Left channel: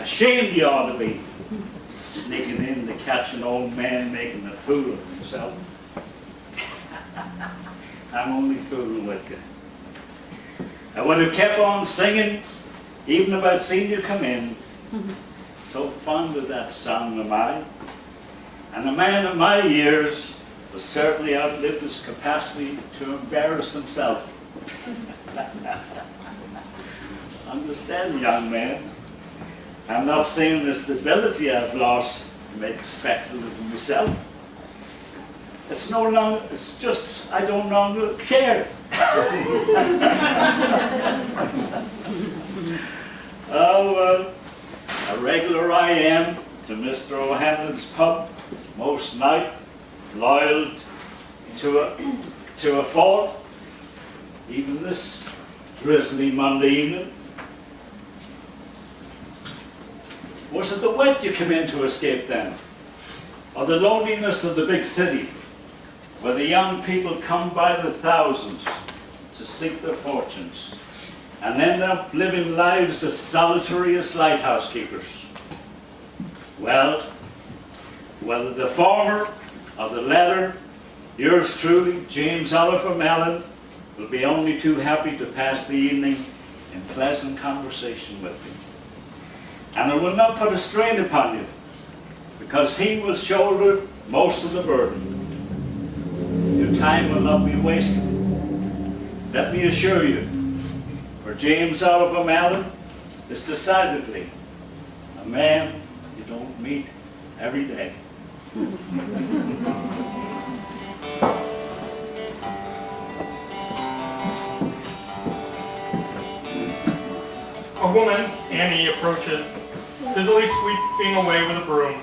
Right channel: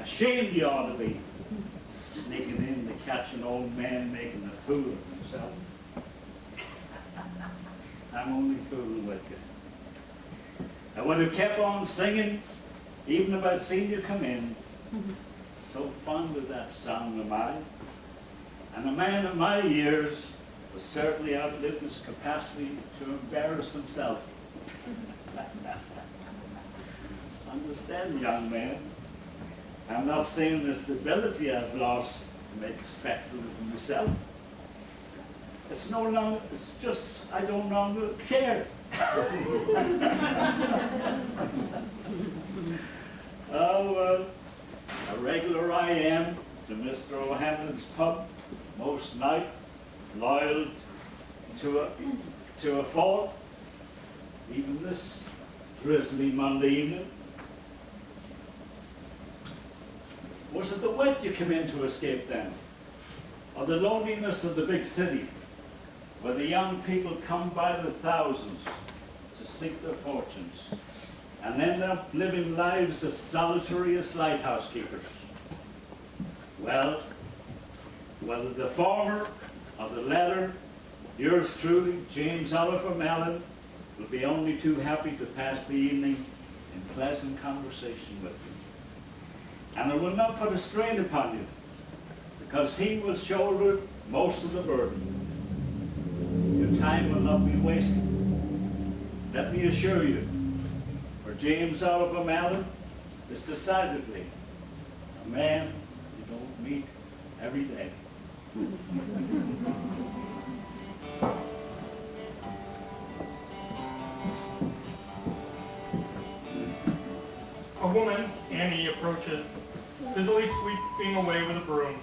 Ashamed you ought to be, sneaking in to catch an old man making a fool of himself. I'm only fooling with you. I would have kept on singing, even if I'd seen you come in. So fond of that song am I. And a man of my years has certainly outlived his capacity to embarrass himself. Understand, young man, I'm not saying the stability I've lost to make a spectacle of myself. It's no longer, it's just I don't longer care. Oh, a regular I am to Mr. O'Hanlon's pub most night, loyal to a fault, even this drizzly Monday evening. Was it the wet you came in to escape then? Or the loneliness of the big city, where the young people come by the thousands to seek their fortunes and end up living lives as solitary as lighthouse keepers? Well, whether the former or the latter, yours truly, James Oliver Mallon, will be only too happy to pass the evening in pleasant conversation with you. And it will not put a strain upon you, because he will shoulder most of the burden. Your time will not be wasted. Let me assure you, for James Oliver Mallon is decidedly a man you don't meet every day. A woman, Annie, approaches, busily sweeping away with a broom.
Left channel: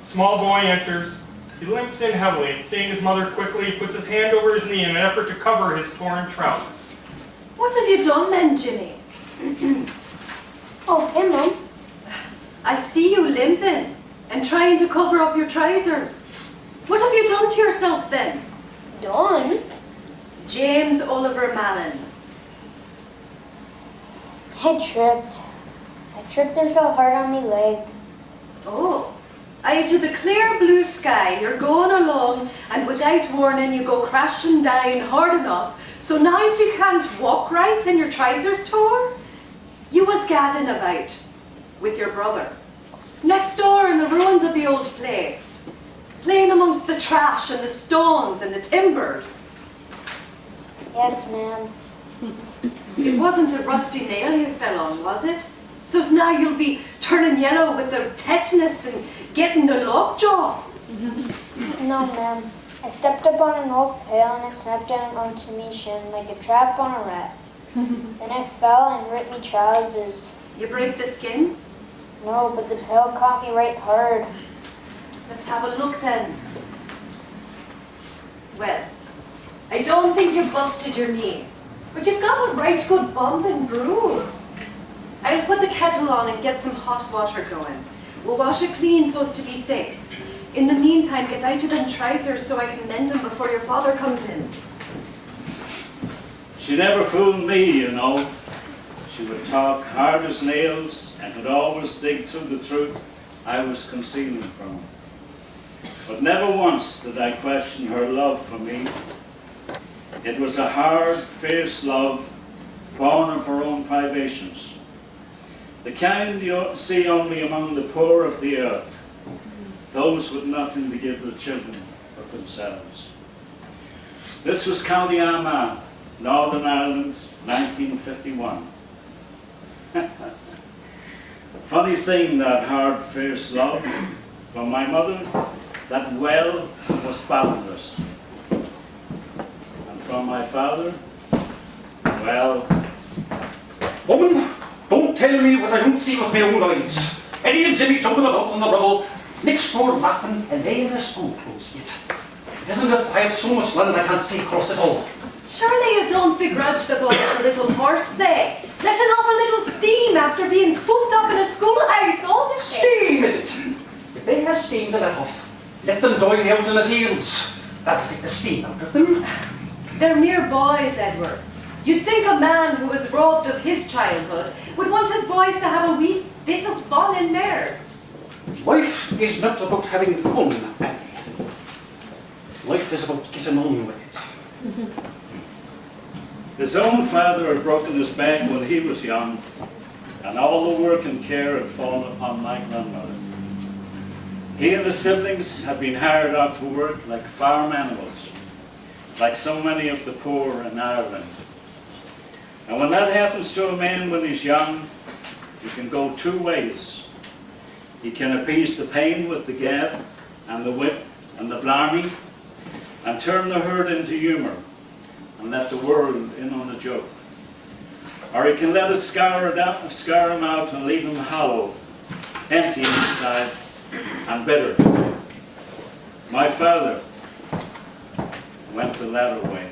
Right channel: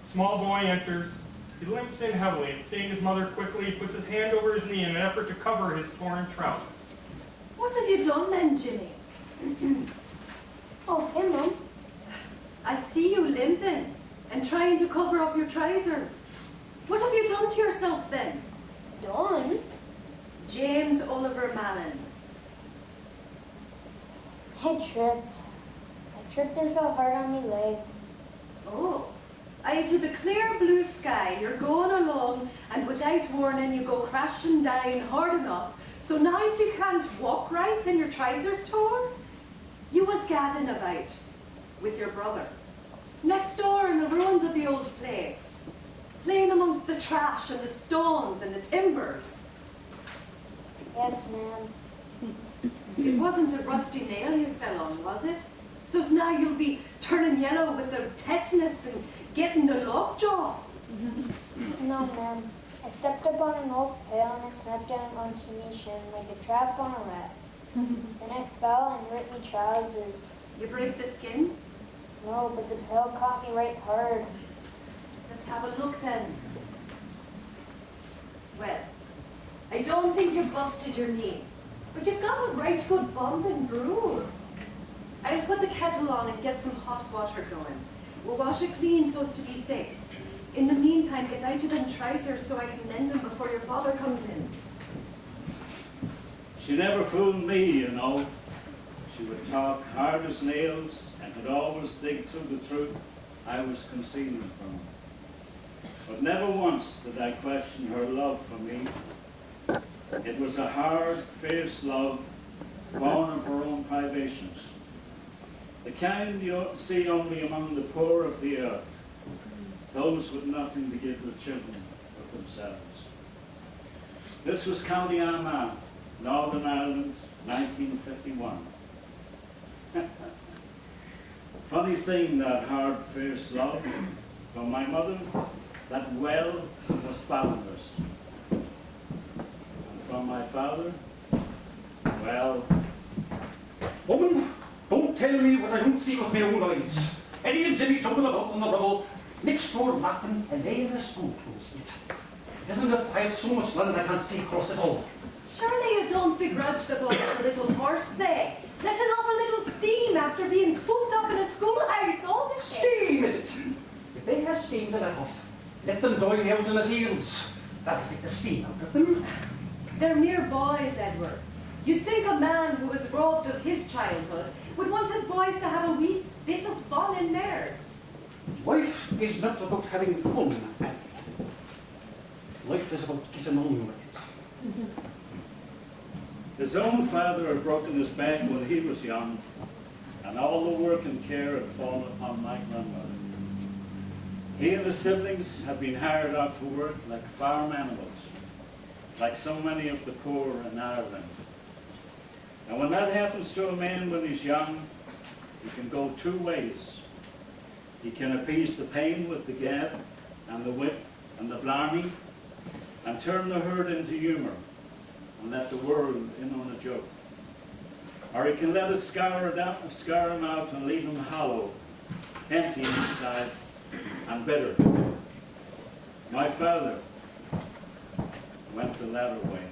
A small boy enters. He limps in heavily, seeing his mother quickly, puts his hand over his knee in an effort to cover his torn trousers. What have you done then, Jimmy? Oh, hey, Mum. I see you limping and trying to cover up your trousers. What have you done to yourself then? Done? James Oliver Mallon. I tripped. I tripped and fell hard on my leg. Oh, aye, to the clear blue sky, you're going along, and without warning, you go crashing down hard enough, so now as you can't walk right and your trousers tore, you was gadding about with your brother, next door in the ruins of the old place, playing amongst the trash and the stones and the timbers. Yes, ma'am. It wasn't a rusty nail you fell on, was it? So now you'll be turning yellow with the tetanus and getting the lockjaw. No, ma'am. I stepped up on an old pail and it snapped down onto me shin like a trap on a rat. Then I fell and ripped me trousers. You break the skin? No, but the pail caught me right hard. Let's have a look then. Well, I don't think you've busted your knee, but you've got a right good bump and bruise. I'll put the kettle on and get some hot water going. We'll wash it clean so as to be safe. In the meantime, get out of them trousers so I can mend them before your father comes in. She never fooled me, you know. She would talk hard as nails and could always dig through the truth I was concealing from her. But never once did I question her love for me. It was a hard, fierce love, born of her own privations. The kind you see only among the poor of the earth, those with nothing to give their children but themselves. This was County Armagh, Northern Ireland, 1951. Funny thing, that hard, fierce love. For my mother, that well was boundless. And from my father, well... Woman, don't tell me what I don't see with my own eyes. Eddie and Jimmy jumping about on the rubble, next door laughing and laying their school clothes yet. It isn't that I have so much land I can't see across it all. Surely you don't begrudge the boys a little horseplay, letting off a little steam after being cooped up in a schoolhouse all the day. Steam, is it? If they have steam to let off, let them join me out in the fields. That'll take the steam out of them. They're mere boys, Edward. You'd think a man who was robbed of his childhood would want his boys to have a wee bit of fun in theirs. Life is not about having fun, Annie. Life is about getting on with it. His own father had broken his back when he was young, and all the work and care had fallen upon my grandmother. He and his siblings had been hired out to work like farm animals, like so many of the poor in Ireland. And when that happens to a man when he's young, it can go two ways. He can appease the pain with the gab and the whip and the blarney, and turn the hurt into humour and let the world in on the joke. Or he can let it scar him out and leave him hollow, empty inside and bitter. My father went the latter way.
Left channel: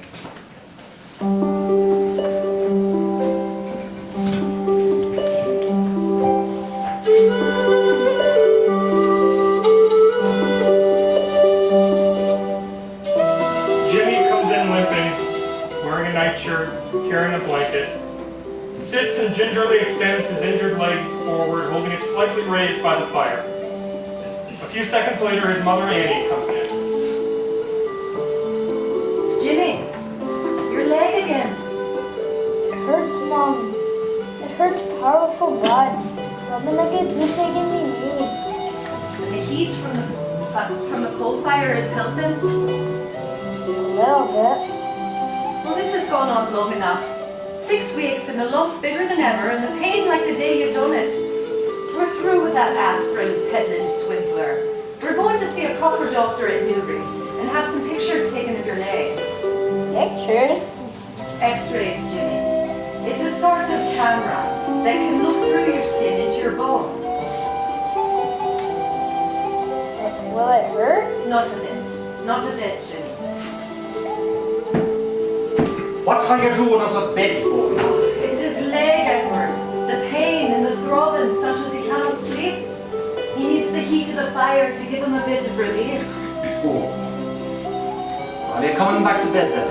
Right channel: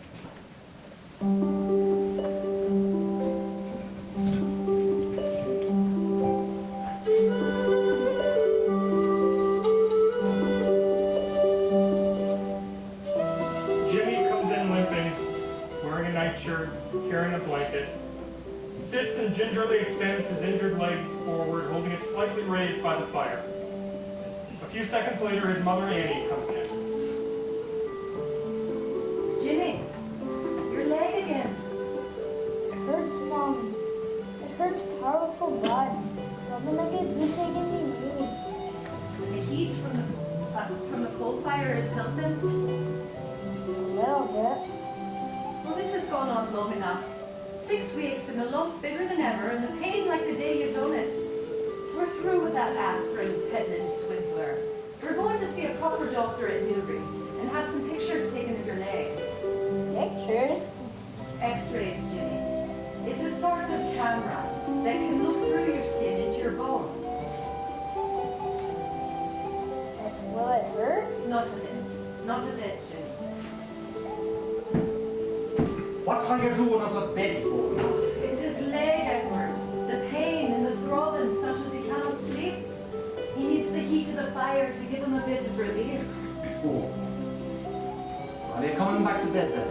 Carrying a blanket, sits and gingerly extends his injured leg forward, holding it slightly raised by the fire. A few seconds later, his mother, Annie, comes in. Jimmy, your leg again. It hurts, Mom. It hurts powerful bad. Something like a toothache in my knee. And the heat from the coal fire is helping. A little bit. Well, this has gone on long enough. 6 weeks and a lump bigger than ever, and the pain like the day you done it. We're through with that aspirin peddling swindler. We're going to see a proper doctor in Newry and have some pictures taken of your leg. Pictures? X-rays, Jimmy. It's a sort of camera that can look through your skin into your bones. Will it hurt? Not a bit. Not a bit, Jimmy. What are you doing on the bed, boy? It's his leg, Edward. The pain and the throbbing, such as he cannot sleep. He needs the heat of the fire to give him a bit of relief. Oh. Are you coming back to bed then?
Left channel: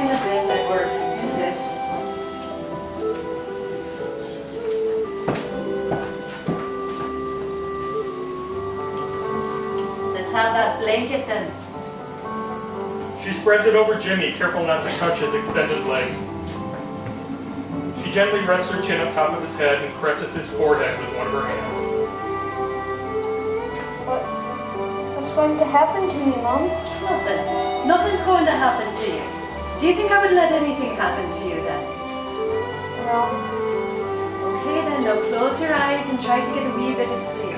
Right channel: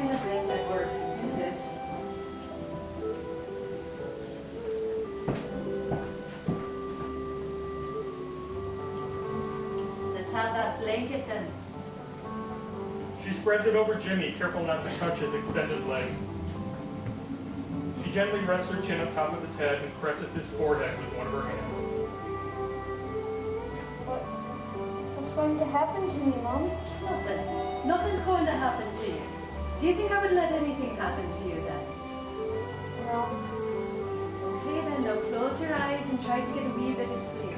In a bit, Edward. In a bit. Let's have that blanket then. She spreads it over Jimmy, careful not to touch his extended leg. She gently rests her chin on top of his head and caresses his forehead with one of her hands. What's going to happen to me, Mom? Nothing. Nothing's going to happen to you. Do you think I would let anything happen to you then? No. Okay then, now close your eyes and try to get a wee bit of sleep.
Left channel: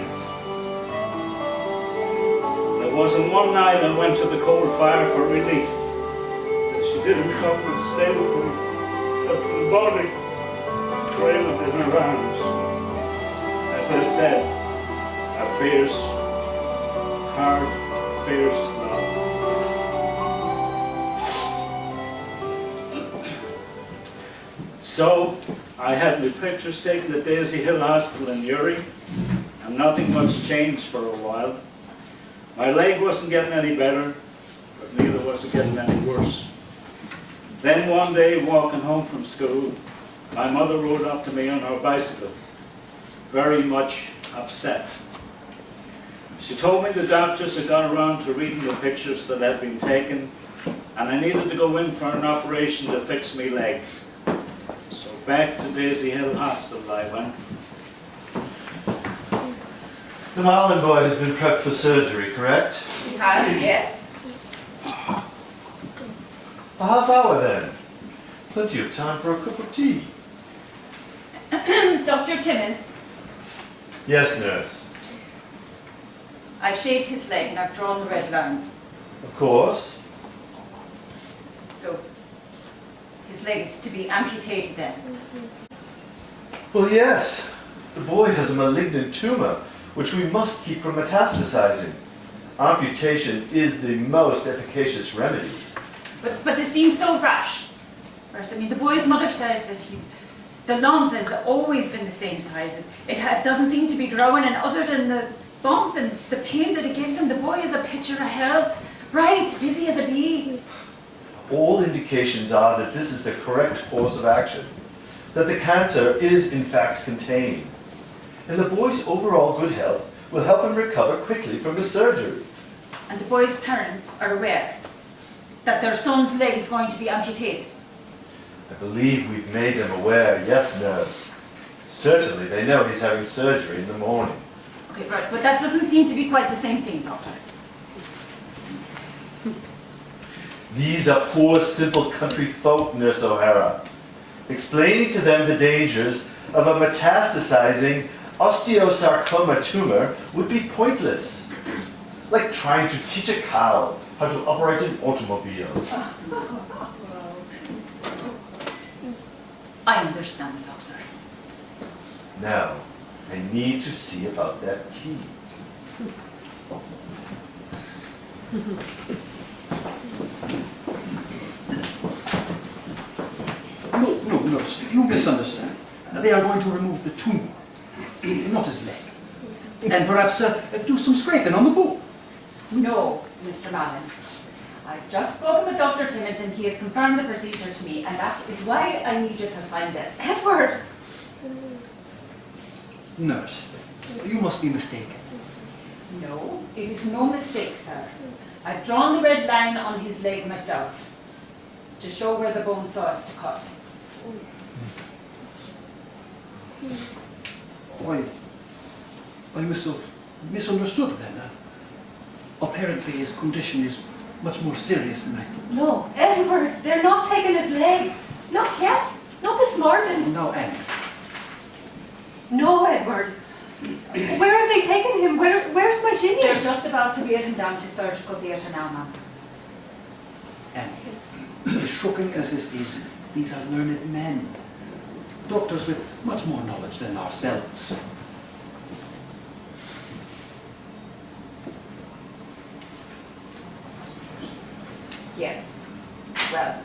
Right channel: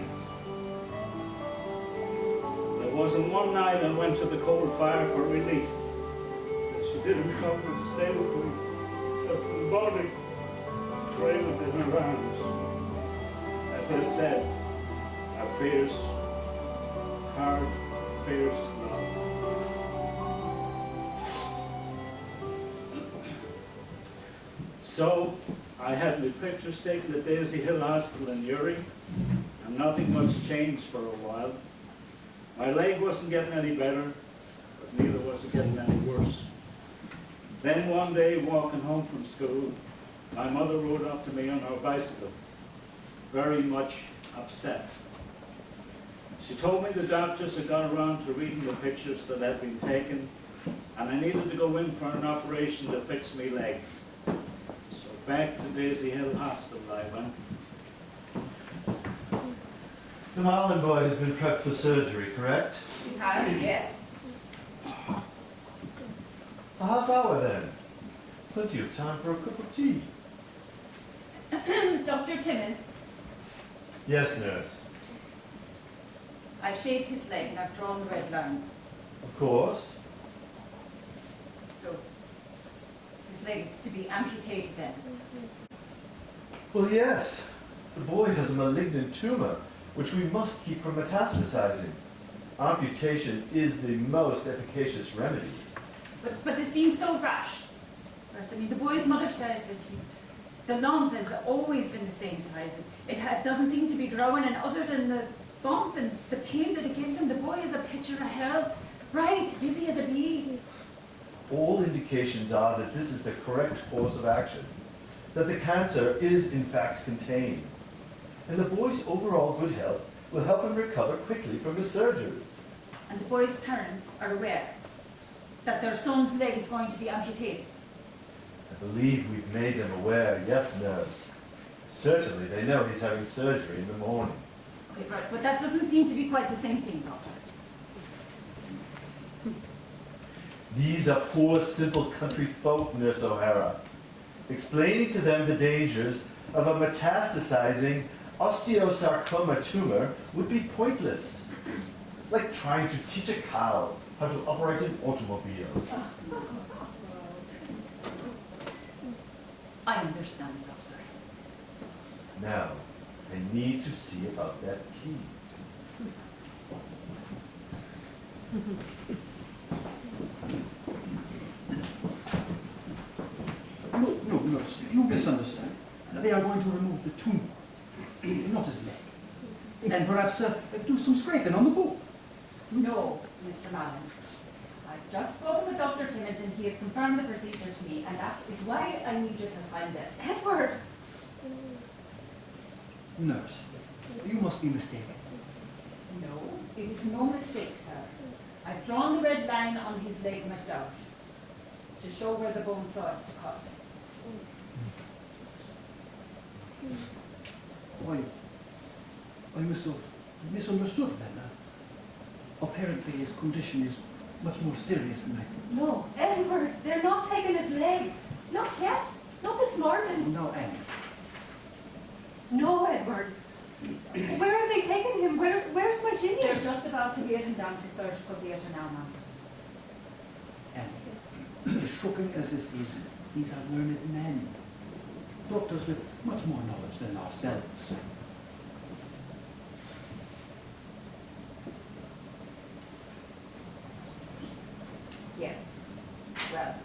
There wasn't one night I went to the coal fire for relief. And she didn't come and stay with me. Up to the body, wailed in her arms. As I said, a fierce, hard, fierce love. So, I had my pictures taken at Daisy Hill Hospital in Uri, and nothing much changed for a while. My leg wasn't getting any better, but neither was it getting any worse. Then one day, walking home from school, my mother rode up to me on her bicycle, very much upset. She told me the doctors had gone around to reading the pictures that had been taken, and I needed to go in for an operation to fix my leg. So back to Daisy Hill Hospital I went. The Mallon boy has been prepped for surgery, correct? He has, yes. A half hour then. Plenty of time for a cup of tea. Dr. Timmins, Yes, nurse. I've shaved his leg and I've drawn the red line. Of course. So, his leg is to be amputated then. Well, yes. The boy has a malignant tumor, which we must keep from metastasizing. Amputation is the most efficacious remedy. But this seems so rash. Right? I mean, the boy's mother says that the lump has always been the same size. It doesn't seem to be growing, and other than the bump and the pain that it gives him, the boy is a picture of health, bright, busy as a bee. All indications are that this is the correct course of action, that the cancer is in fact contained. And the boy's overall good health will help him recover quickly from his surgery. And the boy's parents are aware that their son's leg is going to be amputated. I believe we've made them aware, yes, nurse. Certainly they know he's having surgery in the morning. Okay, right, but that doesn't seem to be quite the same thing, Doctor. These are poor, simple country folk, Nurse O'Hara. Explaining to them the dangers of a metastasizing osteosarcoma tumor would be pointless. Like trying to teach a cow how to operate an automobile. I understand, Doctor. Now, I need to see about that tea. No, nurse, you misunderstand. They are going to remove the tumor, not his leg. And perhaps do some scraping on the bone. No, Mr. Mallon. I've just spoken with Dr. Timmins and he has confirmed the procedure to me, and that is why I need you to sign this. Edward! Nurse, you must be mistaken. No, it is no mistake, sir. I've drawn the red line on his leg myself to show where the bone saw is to cut. I must have misunderstood then. Apparently his condition is much more serious than I thought. No, Edward, they're not taking his leg. Not yet. Not this morning. Now, Anne. No, Edward. Where have they taken him? Where's my Jimmy? They're just about to wheel him down to surgical theatre now, ma'am. Anne, as shocking as this is, these are learned men. Doctors with much more knowledge than ourselves. Yes. Well,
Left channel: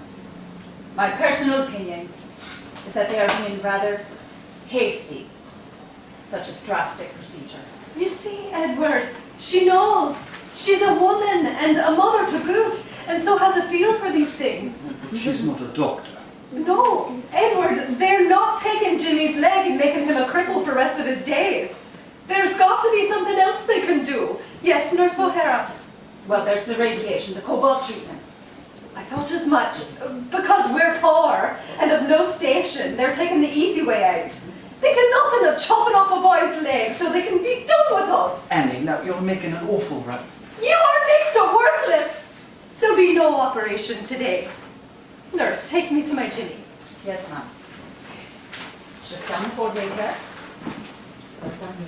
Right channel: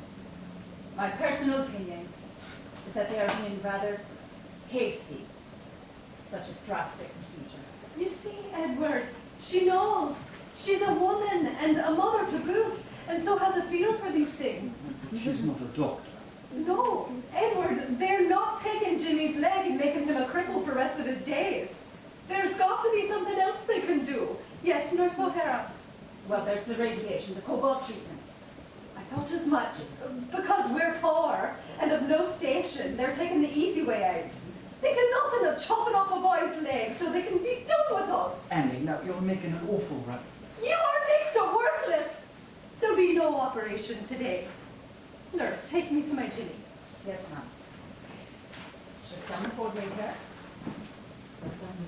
my personal opinion is that they are being rather hasty. Such a drastic procedure. You see, Edward, she knows. She's a woman and a mother to boot, and so has a feel for these things. But she's not a doctor. No, Edward, they're not taking Jimmy's leg and making him a cripple for the rest of his days. There's got to be something else they can do. Yes, Yes, Nurse O'Hara. Well, there's the radiation, the Cobalt treatments. I thought as much. Because we're poor and of no station, they're taking the easy way out. They can nothing of chopping off a boy's leg so they can be done with us. Annie, now you're making an awful rap. You are next to worthless. There'll be no operation today. Nurse, take me to my Jimmy. Yes, ma'am. Just down the board right here. Start down here.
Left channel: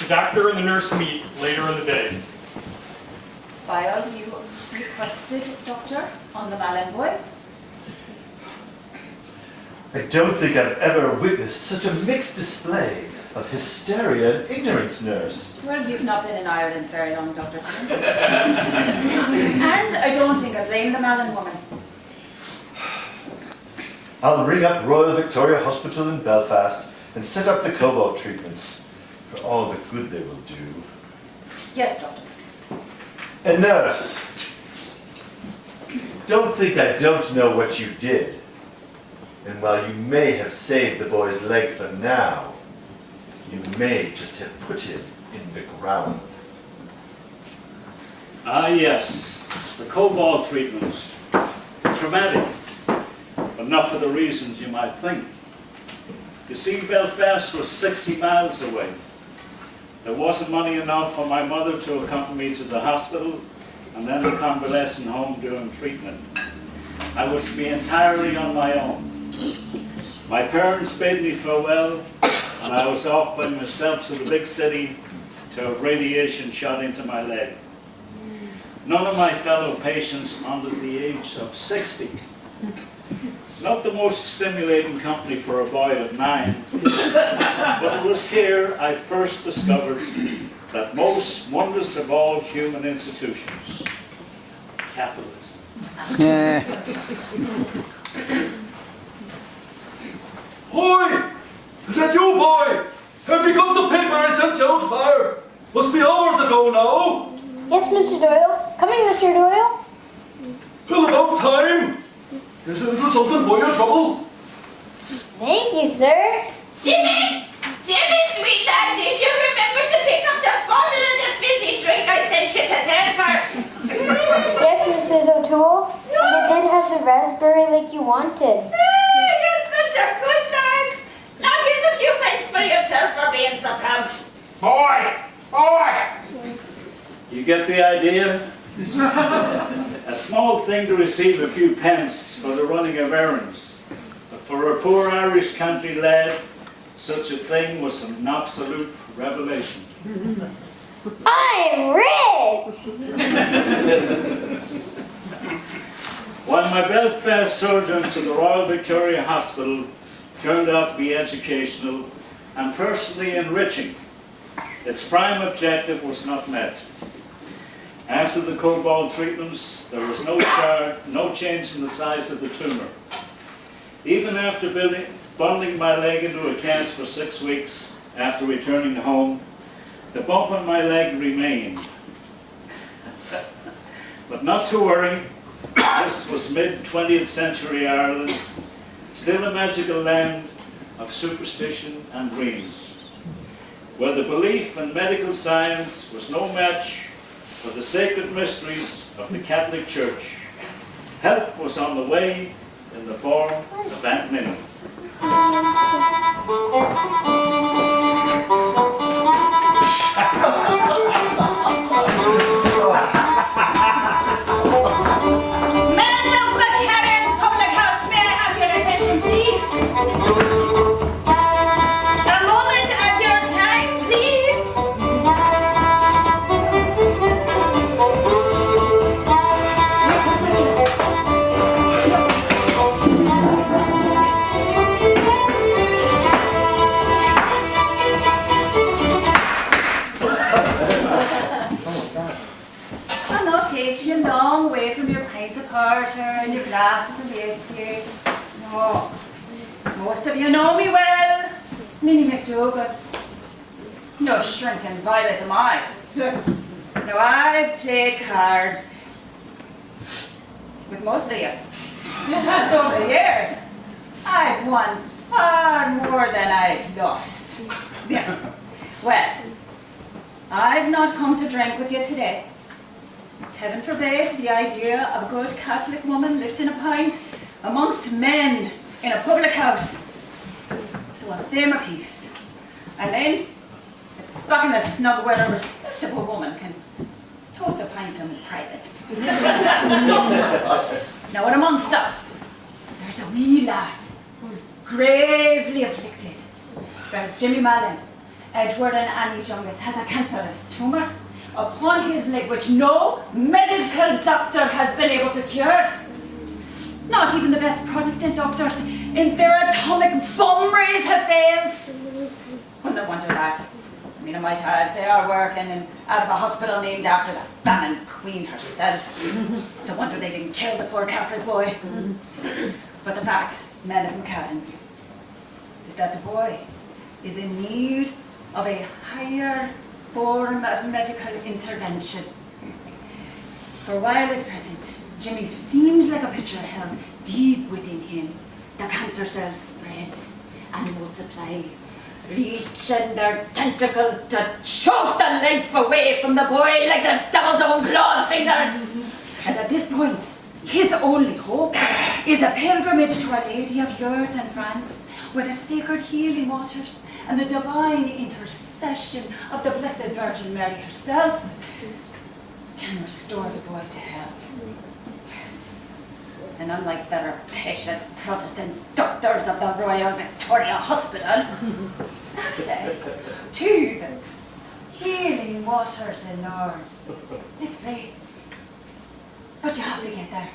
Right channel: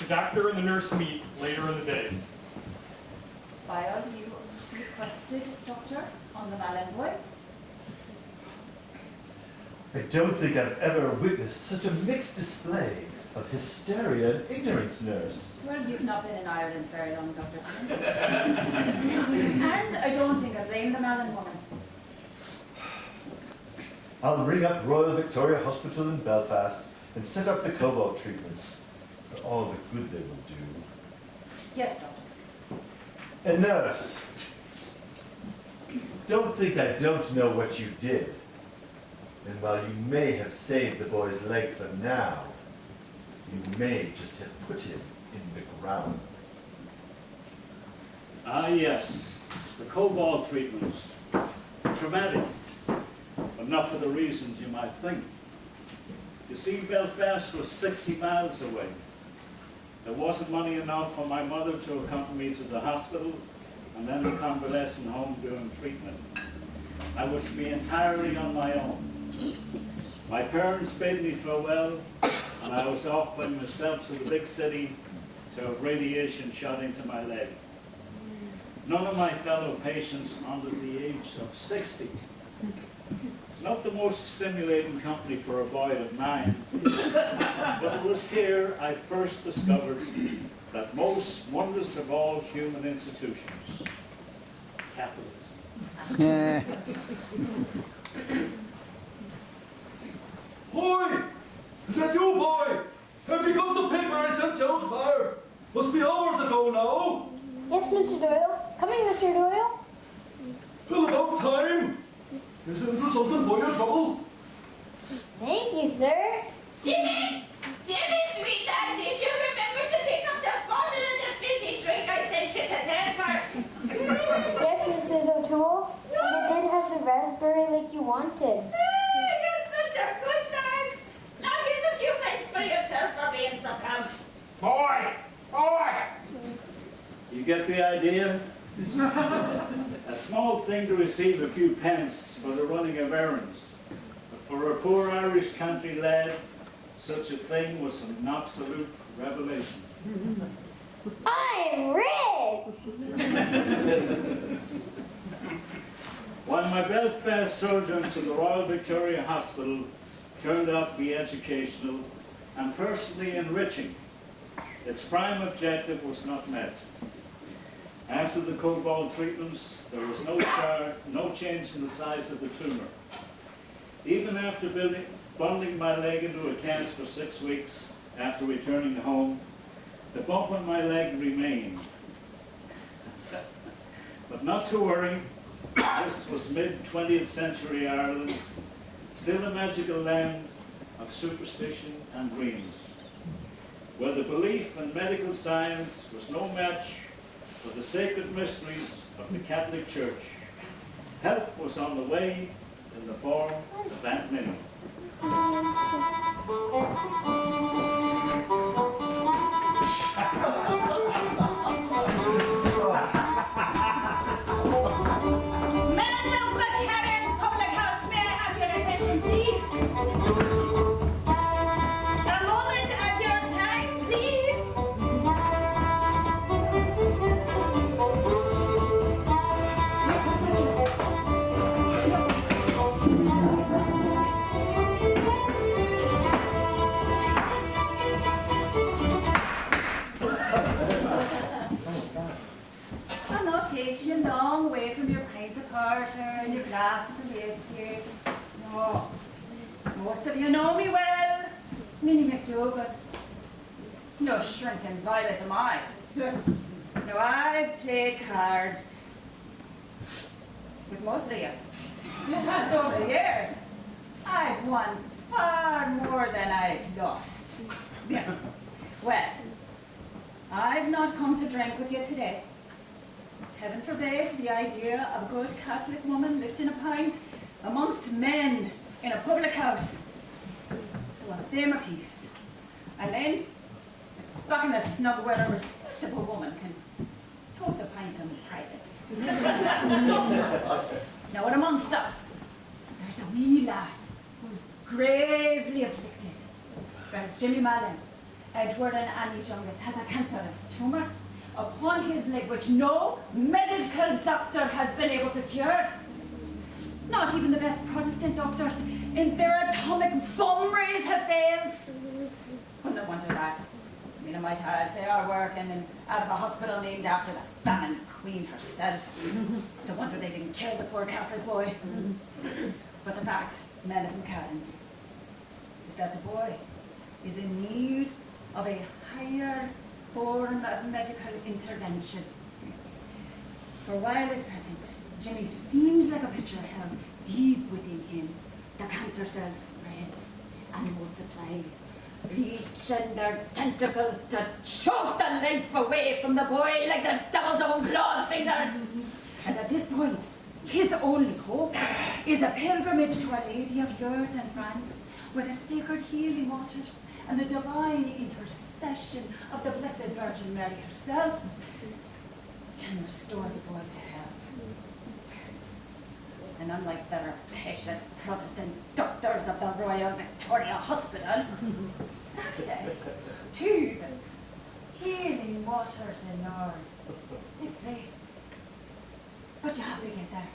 The doctor and the nurse meet later in the day. File you requested, Doctor, on the Mallon boy. I don't think I've ever witnessed such a mixed display of hysteria and ignorance, Nurse. Well, you've not been in Ireland very long, Dr. Timmins. And I don't think I blame the Mallon woman. I'll ring up Royal Victoria Hospital in Belfast and set up the Cobalt treatments for all the good they will do. Yes, Doctor. And Nurse, don't think I don't know what you did. And while you may have saved the boy's leg for now, you may just have put him in the ground. Ah, yes, the Cobalt treatments. Traumatic, but not for the reasons you might think. You see, Belfast was 60 miles away. There wasn't money enough for my mother to accompany me to the hospital and then the convalescent home during treatment. I was to be entirely on my own. My parents bade me farewell, and I was off by myself to the big city to have radiation shot into my leg. None of my fellow patients under the age of 60. Not the most stimulating company for a boy of 9, but it was here I first discovered that most wondrous of all human institutions, capitalism. Hoy! Is that you, boy? Have you got the paper I sent you out for? Must be hours ago now. Yes, Mr. Doyle. Coming, Mr. Doyle. Well, about time. Here's a little something for your trouble. Thank you, sir. Jimmy! Jimmy, sweet lad, did you remember to pick up that bottle of the fizzy drink I sent you to Denver? Yes, Mrs. O'Toole. And I did have the raspberry like you wanted. You're such a good lad. Now here's a few pence for yourself for being so proud. Boy! Boy! You get the idea? A small thing to receive a few pence for the running of errands. But for a poor Irish country lad, such a thing was an absolute revelation. I'm rich! While my Belfast sojourn to the Royal Victoria Hospital turned out to be educational and personally enriching, its prime objective was not met. After the Cobalt treatments, there was no change in the size of the tumor. Even after bundling my leg into a cast for 6 weeks after returning home, the bump on my leg remained. But not to worry, this was mid-20th century Ireland, still a magical land of superstition and dreams, where the belief in medical science was no match for the sacred mysteries of the Catholic Church. Help was on the way in the form of Aunt Minnie. Men of the Karen's Public House, may I have your attention, please? A moment of your time, please. I'll not take you a long way from your pints of porter and your glasses of whiskey. No. Most of you know me well. Minnie McDougall. No shrinking violet am I. Now I've played cards with most of you over the years. I've won far more than lost. Yeah. Well, I've not come to drink with you today. Heaven forbid the idea of a good Catholic woman lifting a pint amongst men in a public house. So I'll say my piece. And then it's back in the snug where a respectable woman can toast a pint in private. Now, and amongst us, there's a wee lad who's gravely afflicted. Jimmy Mallon, Edward and Annie's youngest, has a cancerous tumor upon his leg which no medical doctor has been able to cure. Not even the best Protestant doctors in their atomic bomb rays have failed. Well, no wonder that. I mean, I might add, they are working out of a hospital named after the famine queen herself. It's a wonder they didn't kill the poor Catholic boy. But the fact, men of McCallum's, is that the boy is in need of a higher form of medical intervention. For while at present, Jimmy seems like a picture of hell, deep within him, the cancer cells spread and multiply, reaching their tentacles to choke the life away from the boy like the devil's own clawed fingers. And at this point, his only hope is a pilgrimage to Our Lady of Lourdes in France, where the sacred healing waters and the divine intercession of the Blessed Virgin Mary herself can restore the boy to health. Yes. And unlike the rapacious Protestant doctors of the Royal Victoria Hospital, access to the healing waters in Lourdes is free. But you have to get there.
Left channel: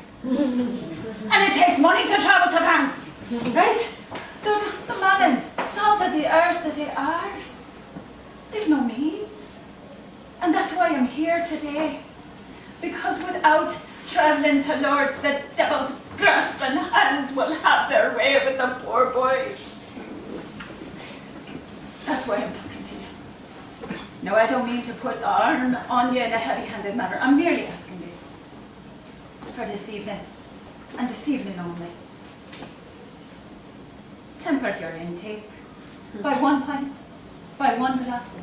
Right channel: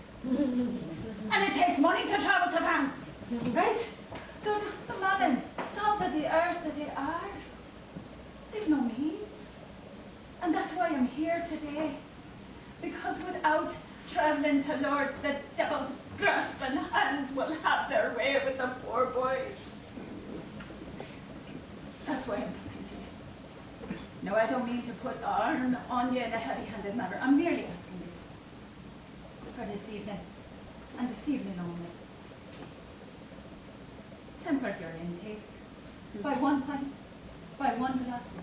And it takes money to travel to France, right? So the Mallons, salt of the earth that they are, they've no means. And that's why I'm here today. Because without travelling to Lourdes, the devil's grasping hands will have their way with the poor boy. That's why I'm talking to you. No, I don't mean to put arm on you in a heavy-handed manner. I'm merely asking this for this evening, and this evening only. Temper your intake by 1 pint, by 1 glass,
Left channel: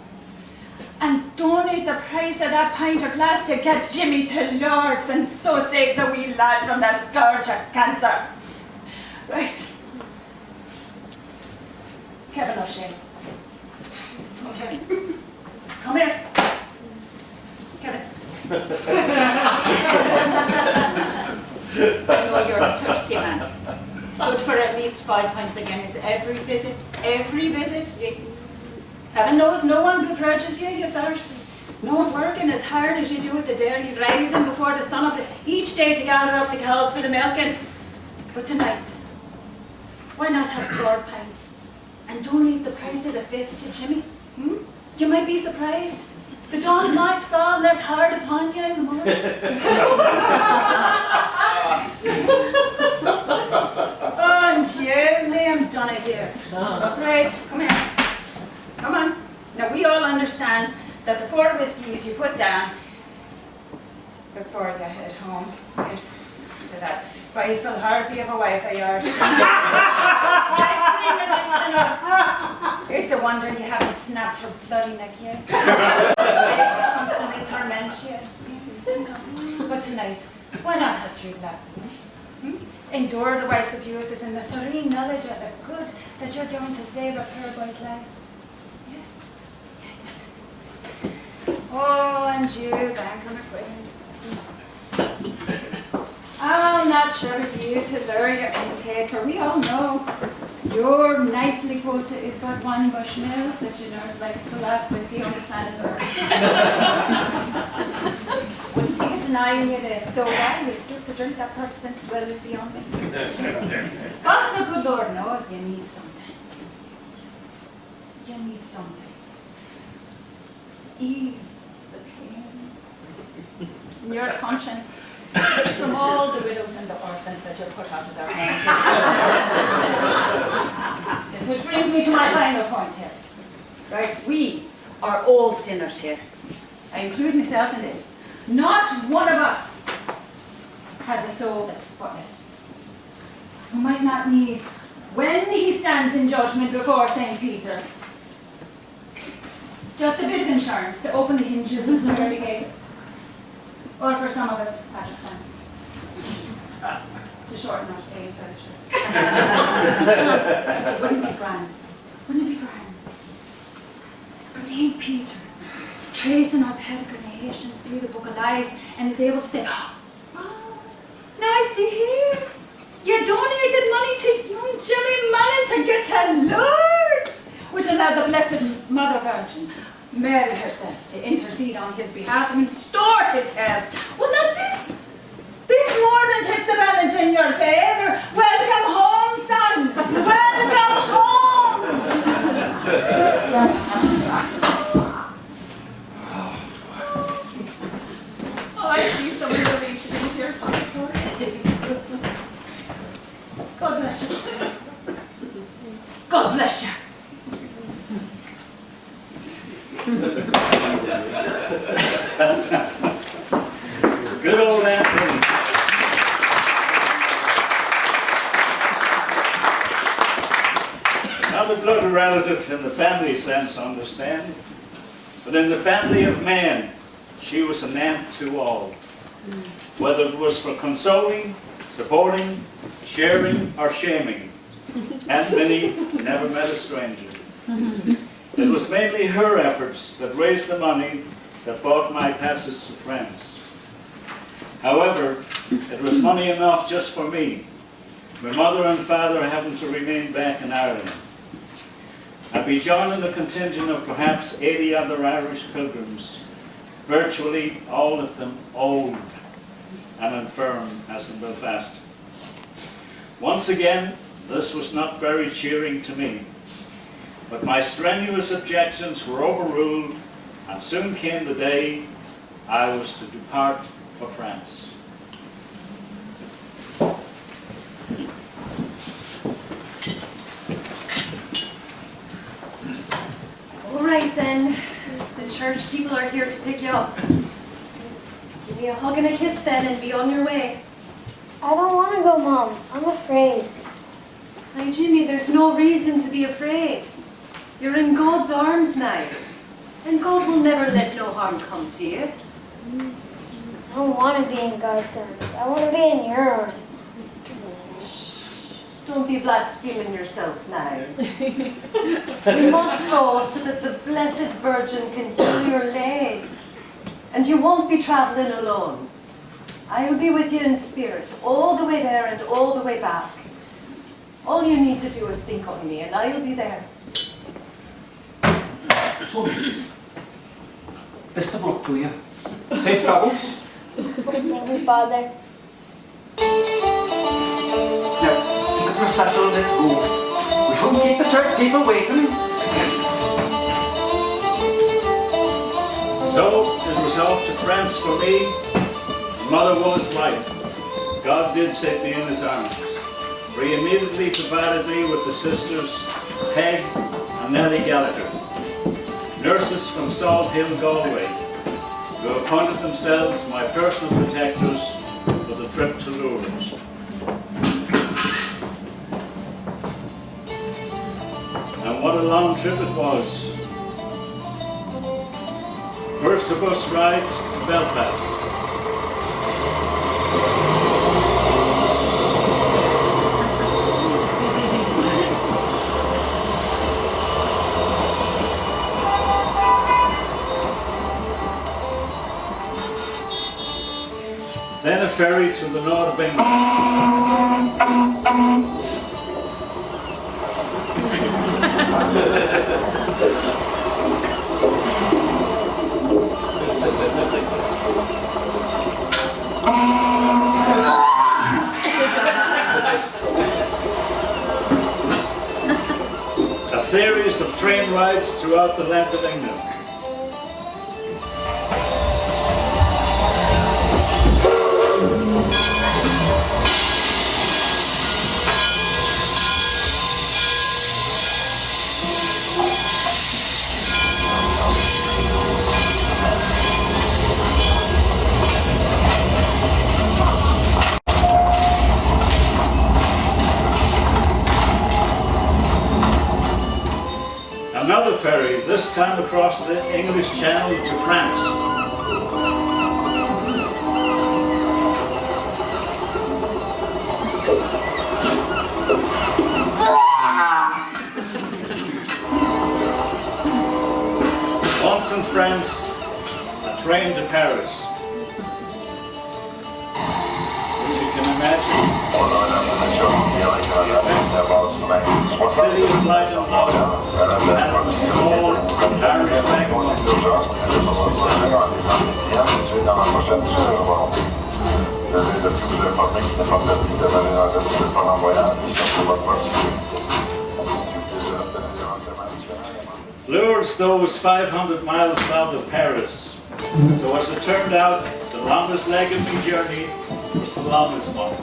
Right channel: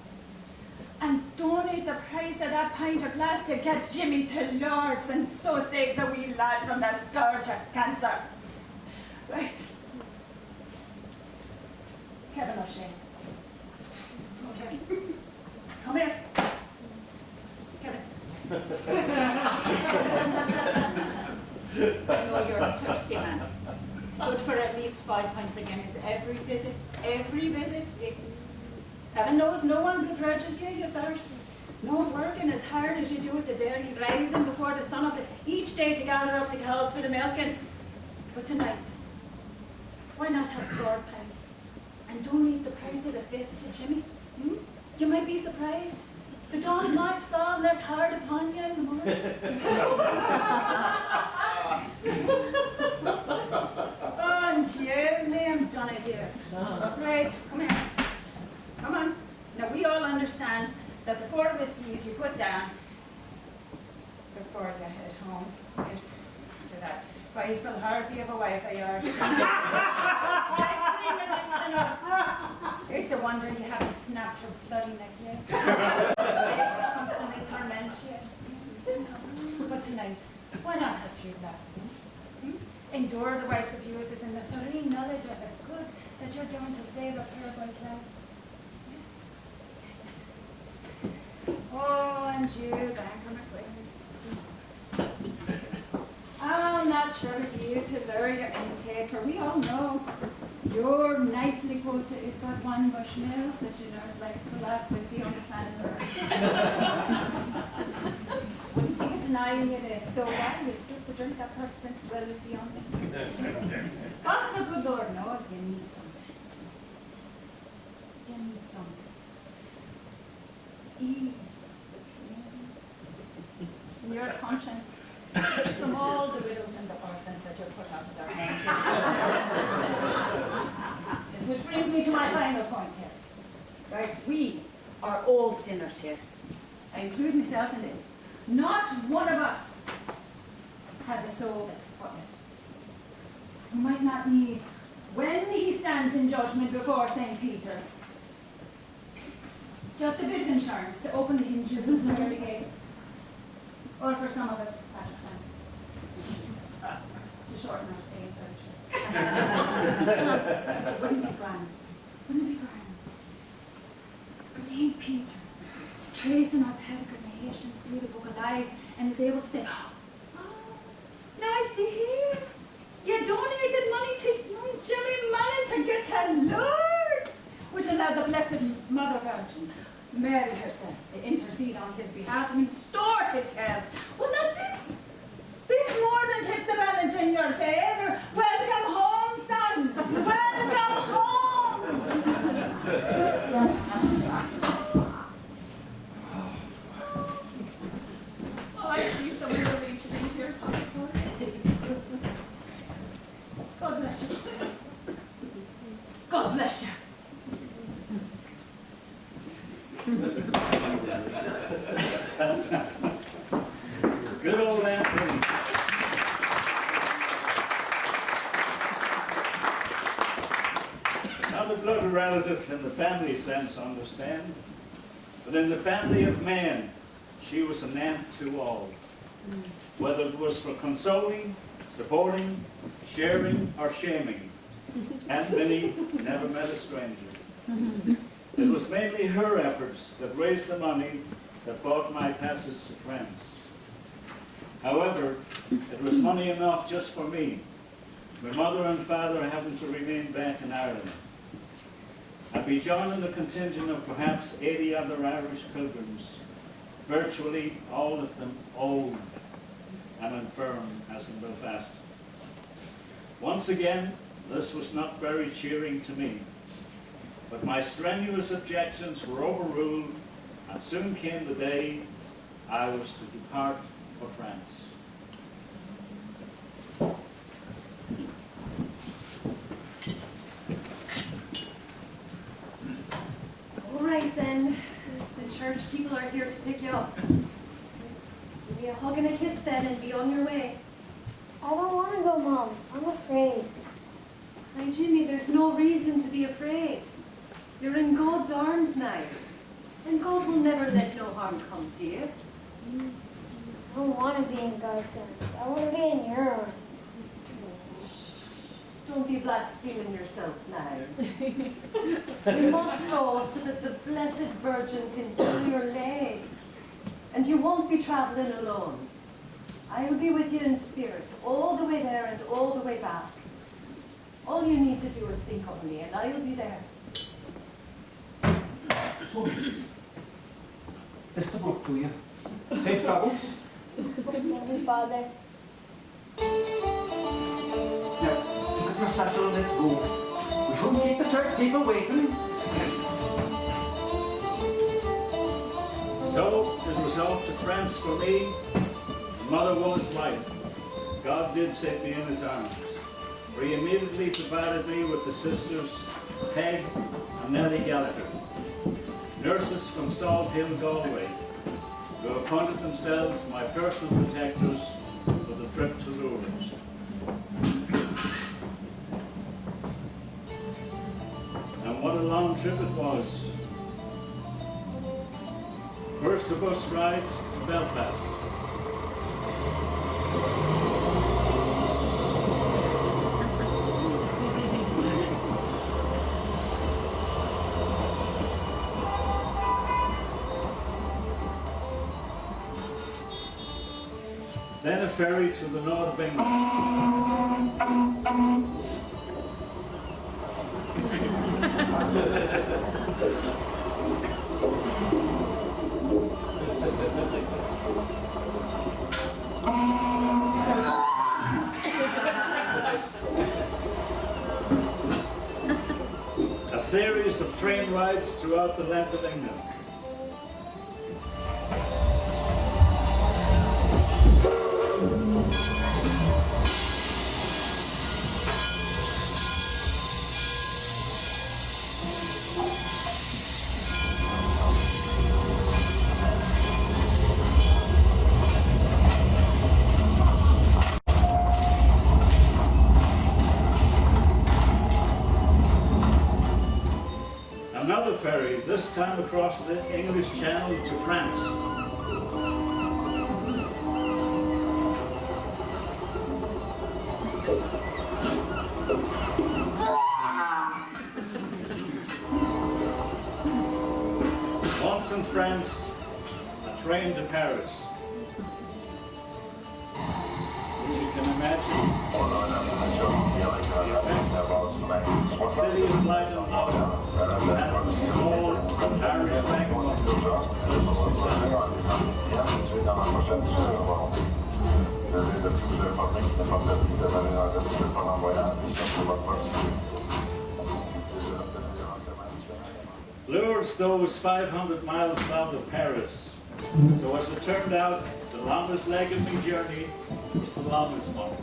and donate the price of that pint or glass to get Jimmy to Lourdes and so save the wee lad from the scourge of cancer. Right. Kevin O'Shea. Okay. Come here. Kevin. I know you're a thirsty man. Good for at least 5 pints again is every visit. Heaven knows no one begrudges you your thirst. No one working as hard as you do at the dairy, rising before the sun up each day to gather up the cows for the milking. But tonight, why not have 4 pints and donate the price of the 5th to Jimmy? You might be surprised. The dawn might fall less hard upon you in the morning. Oh, gently, I'm done it here. Right, come here. Come on. Now, we all understand that the 4 whiskies you put down before you head home is to that spiteful harpy of a wife of yours. It's a wonder you haven't snapped her bloody neck yet. She constantly torments you. But tonight, why not have 3 glasses? Endure the wife's abuses in the serene knowledge of the good that you're doing to save a poor boy's life. Yeah, yes. Oh, and you, bank on a quid. I'm not sure of you to lure your intake, for we all know your nightly quota is but 1 Bushmills that you nurse like the last whiskey on the planet Earth. Wouldn't take it denying you this, though why you stood to drink that Protestant's will is beyond me. But the good Lord knows you need something. You need something to ease the pain in your conscience from all the widows and the orphans that you put out of their homes. This which brings me to my final point here. Right, we are all sinners here. I include myself in this. Not one of us has a soul that's spotless. We might not need when he stands in judgment before St. Peter. Just a bit of insurance to open the hinges of the pearly gates. Or for some of us, Patrick fancy. To shorten our stay in Fellowship. Wouldn't it be grand? Wouldn't it be grand? St. Peter is tracing our peregrinations through the Book of Life and is able to say, oh, now I see here, you donated money to young Jimmy Mallon to get to Lourdes, which allowed the Blessed Mother Virgin, Mary herself, to intercede on his behalf and restore his health. Well, now this more than tips the balance in your favour. Welcome home, son. Welcome home. Oh, I see someone reaching into your pocket. God bless you. God bless you. Good old Anthony. Not a blood relative in the family sense, understand, but in the family of man, she was an aunt to all. Whether it was for consoling, supporting, sharing, or shaming, Aunt Minnie never met a stranger. It was mainly her efforts that raised the money that bought my passage to France. However, it was money enough just for me, my mother and father having to remain back in Ireland. I'd be joining the contingent of perhaps 80 other Irish pilgrims, virtually all of them old and infirm as in Belfast. Once again, this was not very cheering to me, but my strenuous objections were overruled, and soon came the day I was to depart for France. All right then, the church people are here to pick you up. Give me a hug and a kiss then and be on your way. I don't want to go, Mom. I'm afraid. Now, Jimmy, there's no reason to be afraid. You're in God's arms now, and God will never let no harm come to you. I don't want to be in God's arms. I want to be in your arms. Don't be blaspheming yourself now. You must go so that the Blessed Virgin can heal your leg. And you won't be traveling alone. I will be with you in spirit, all the way there and all the way back. All you need to do is think of me, and I'll be there. So, best of luck to you. Safe travels. Thank you, Father. Now, take a procession, let's go. We shouldn't keep the church people waiting. So it was off to France for me. Mother was right. God did take me in his arms, for he immediately provided me with the sisters Peg and Nellie Gallagher, nurses from Salt Hill, Galway, who appointed themselves my personal protectors for the trip to Lourdes. And what a long trip it was. First a bus ride to Belfast. Then a ferry to the north of England. A series of train rides throughout the length of England. Another ferry, this time across the English Channel to France. Once in France, a train to Paris. As you can imagine, the city of light and love, and a small Irish Lourdes, though, was 500 miles south of Paris. So as it turned out, the longest leg of the journey was the longest one.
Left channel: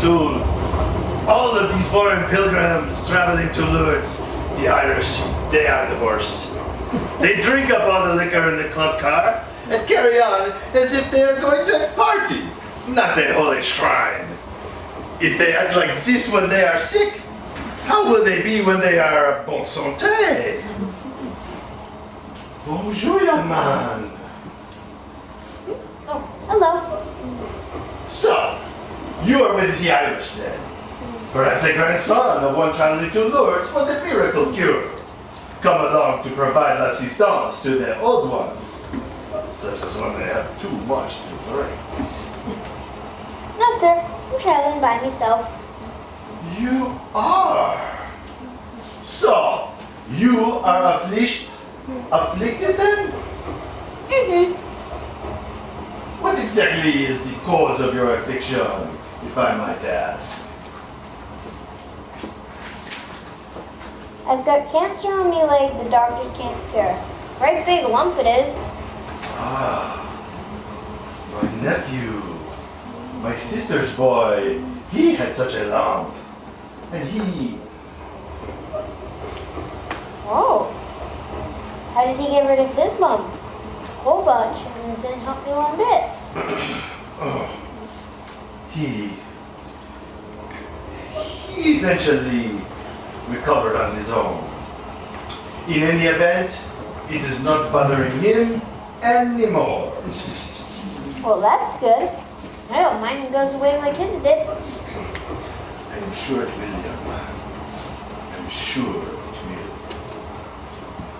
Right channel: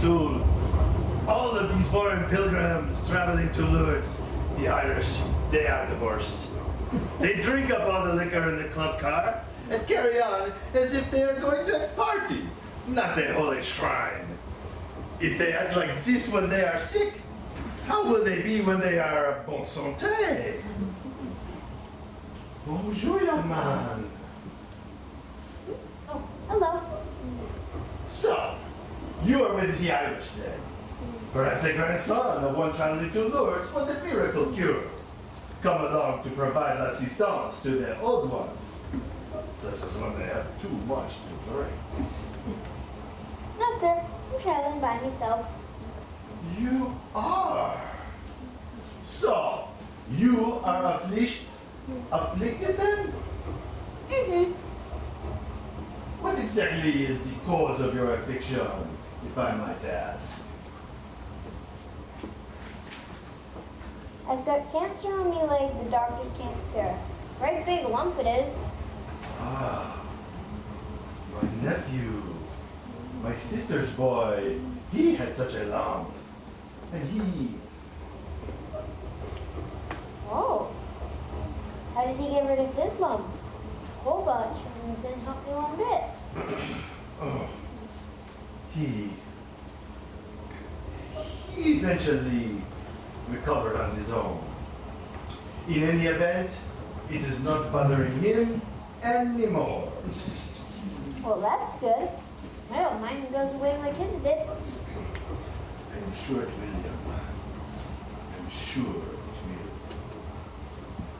Soon, all of these foreign pilgrims traveling to Lourdes, the Irish, they are the worst. They drink up all the liquor in the club car and carry on as if they are going to a party, not a holy shrine. If they act like this when they are sick, how will they be when they are bon santé? Bonjour, young man. Oh, hello. So, you are with the Irish then? Perhaps a grandson of one traveling to Lourdes for the miracle cure. Come along to provide assistance to the old ones, such as when they have too much to drink. No, sir. I'm traveling by myself. You are? So, you are afflicted then? Mm-hmm. What exactly is the cause of your affliction, if I might ask? I've got cancer on my leg the doctors can't cure. Right big lump it is. Ah, my nephew, my sister's boy, he had such a lump. And he... Oh. How did he get rid of his lump? Cobalt didn't help me one bit. Oh, he eventually recovered on his own. In any event, it is not bothering him anymore. Well, that's good. I hope mine goes away like his did. I am sure it will, young man. I'm sure it will.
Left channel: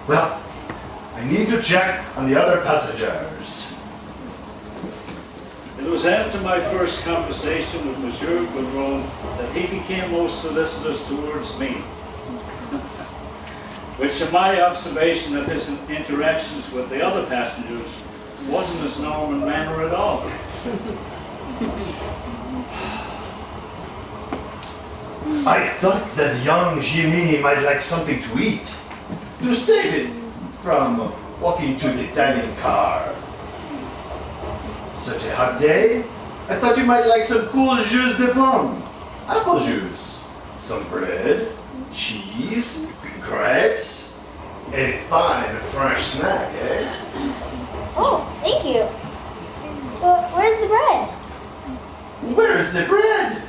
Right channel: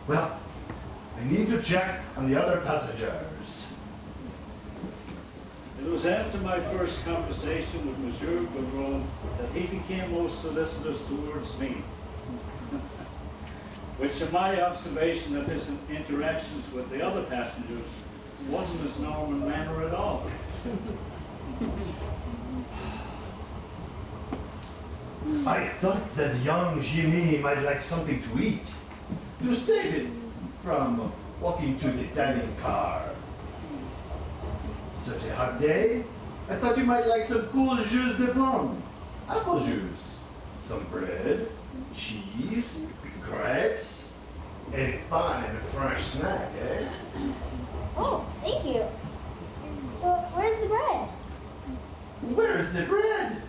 Well, I need to check on the other passengers. It was after my first conversation with Monsieur Gaudron that he became most solicitous towards me. Which, in my observation of his interactions with the other passengers, wasn't his normal manner at all. I thought that young Jimmy might like something to eat, to save it from walking to the Italian car. Such a hot day, I thought you might like some cool jus de pomme, apple juice, some bread, cheese, grapes, a fine French snack, eh? Oh, thank you. But where's the bread? Where's the bread?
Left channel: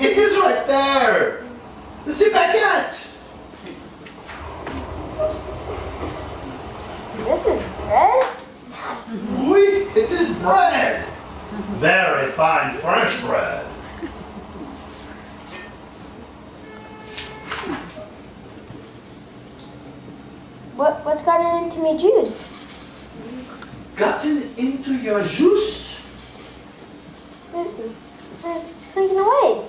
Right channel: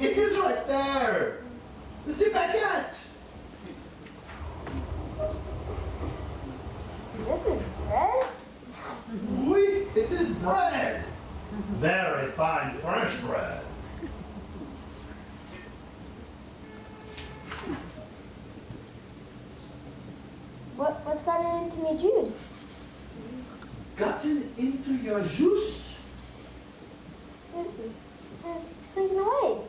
It is right there. The baguette. This is bread? Oui, it is bread. Very fine French bread. What's gotten into me juice? Gotten into your juice? It's clinking away.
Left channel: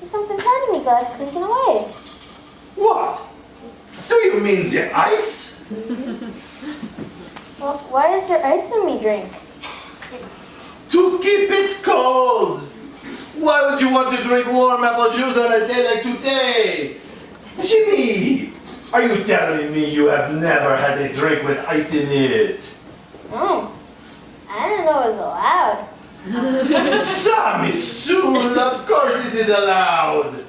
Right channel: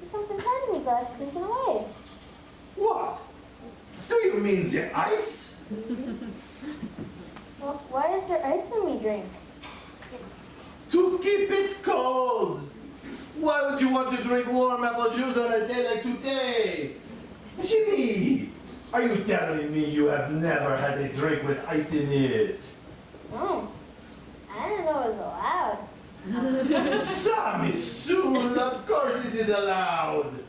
There's something part of me glass clinking away. What? Do you mean the ice? Well, why is there ice in me drink? To keep it cold. Why would you want to drink warm apple juice on a day like today? Jimmy! Are you telling me you have never had a drink with ice in it? Oh, I didn't know it was allowed. Sammy Soul, of course it is allowed.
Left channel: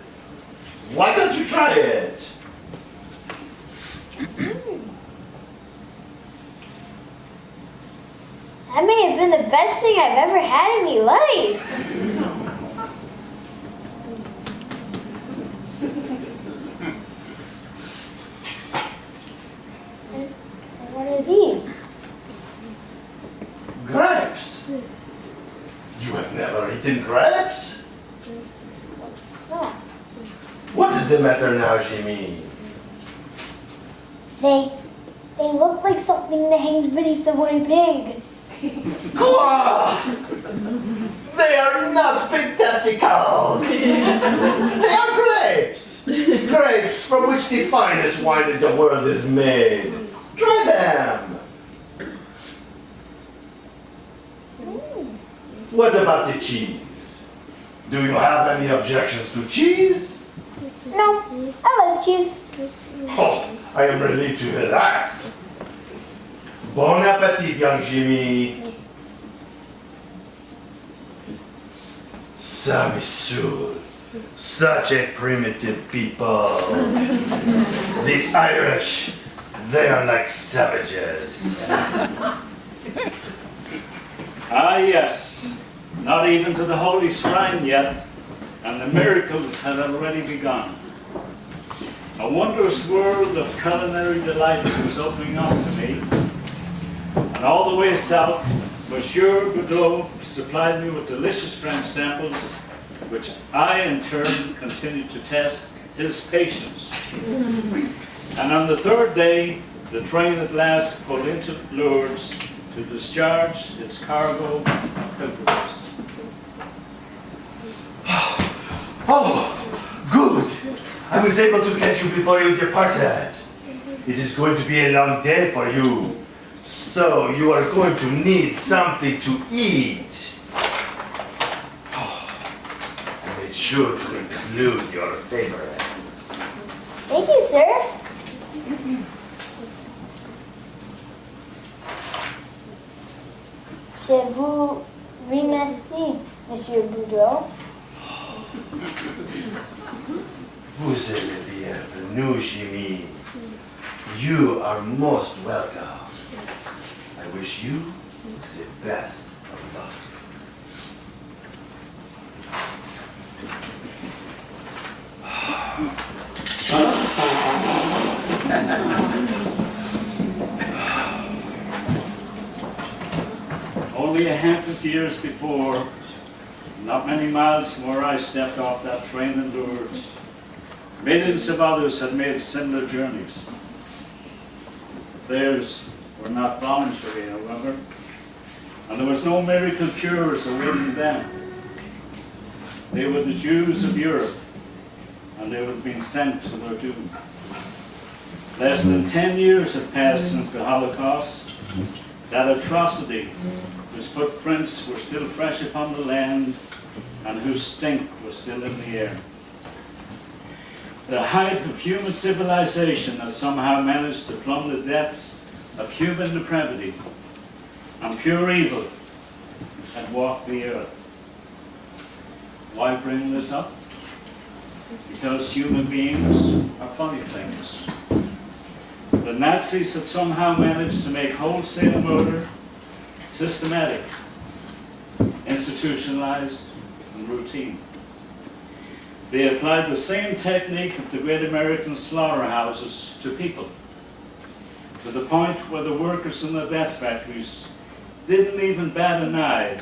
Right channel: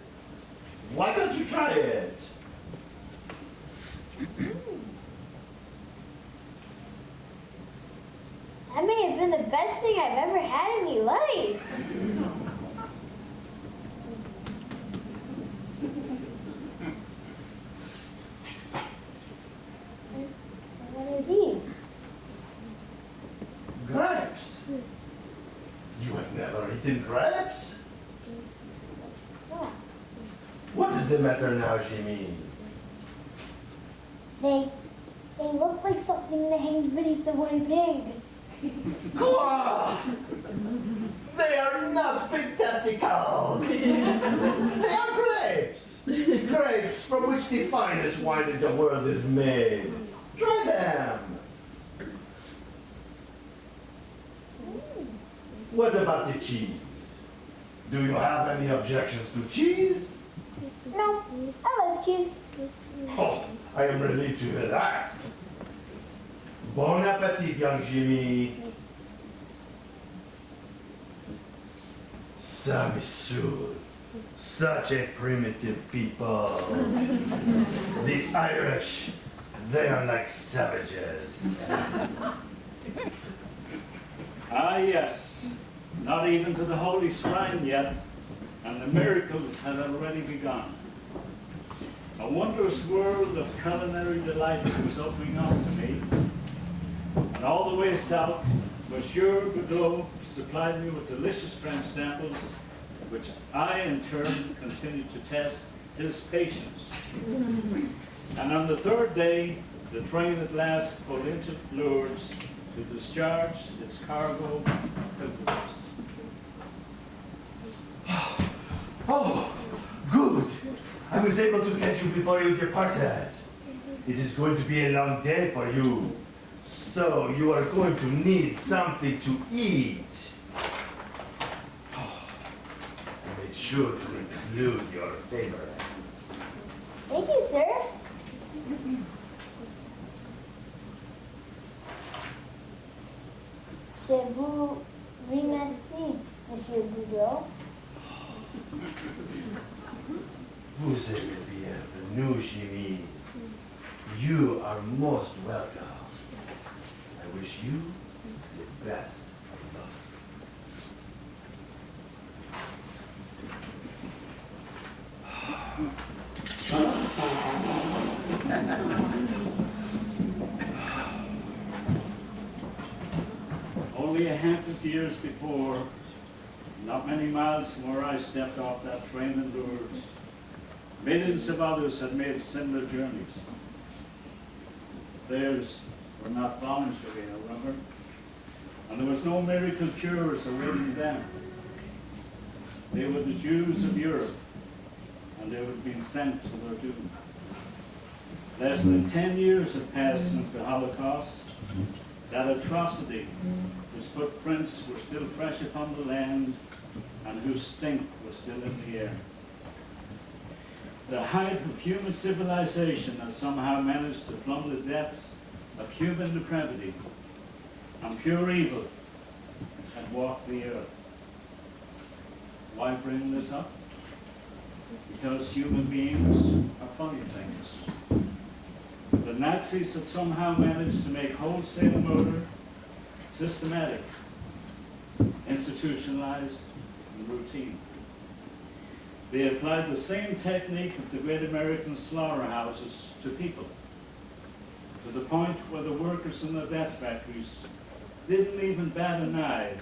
Why don't you try it? That may have been the best thing I've ever had in my life. And what are these? Grapes. You have never eaten grapes? No. What is the matter now, Jimmy? They look like something that hangs beneath the one pig. Quoi? They are not pig testicles. They are grapes. Grapes from which the finest wine in the world is made. Try them. What about the cheese? Do you have any objections to cheese? No, I like cheese. Oh, I am relieved to hear that. Bon appetit, young Jimmy. Sammy Soul, such a primitive people. The Irish, they are like savages. Ah, yes. Not even to the Holy Shrine yet, and the miracles had already begun. A wondrous world of culinary delights was opening up to me, and all the way south, Monsieur Godot supplied me with delicious French samples, which I in turn continued to test his patience. And on the third day, the train at last pulled into Lourdes to discharge its cargo of pilgrims. Oh, good. I was able to catch you before you departed. It is going to be a long day for you. So you are going to need something to eat. Oh, I made sure to include your favorites. Thank you, sir. Je vous remercie, Monsieur Boudreau. Vous êtes le bienvenu, Jimmy. You are most welcome. I wish you the best of luck. Only a handful of years before, not many miles from where I stepped off that train in Lourdes, millions of others had made similar journeys. Theirs were not voluntary, however, and there was no miracle cures awaiting them. They were the Jews of Europe, and they had been sent to their doom. Less than 10 years had passed since the Holocaust, that atrocity whose footprints were still fresh upon the land and whose stink was still in the air. The height of human civilization had somehow managed to plumb the depths of human depravity, and pure evil had walked the earth. Why bring this up? Because human beings are funny things. The Nazis had somehow managed to make wholesale murder systematic, institutionalized, and routine. They applied the same technique of the great American slaughterhouses to people, to the point where the workers in the death factories didn't even bat an eye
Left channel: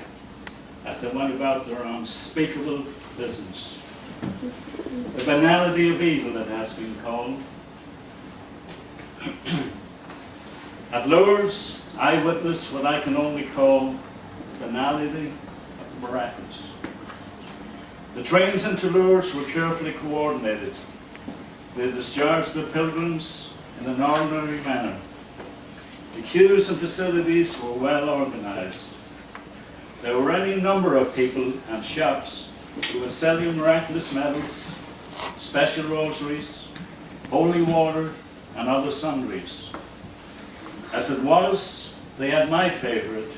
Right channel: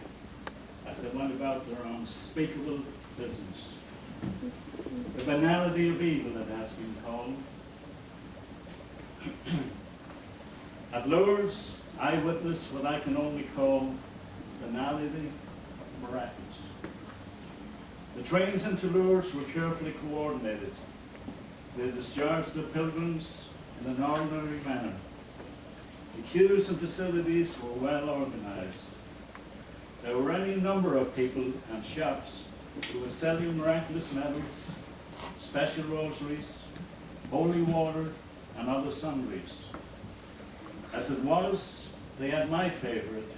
as they went about their unspeakable business. The banality of evil, it has been called. At Lourdes, I witnessed what I can only call the banality of the miraculous. The trains into Lourdes were carefully coordinated. They discharged the pilgrims in an ordinary manner. The queues and facilities were well organized. There were any number of people and shops who would sell you miraculous medals, special rosaries, holy water, and other sundries. As it was, they had my favourite,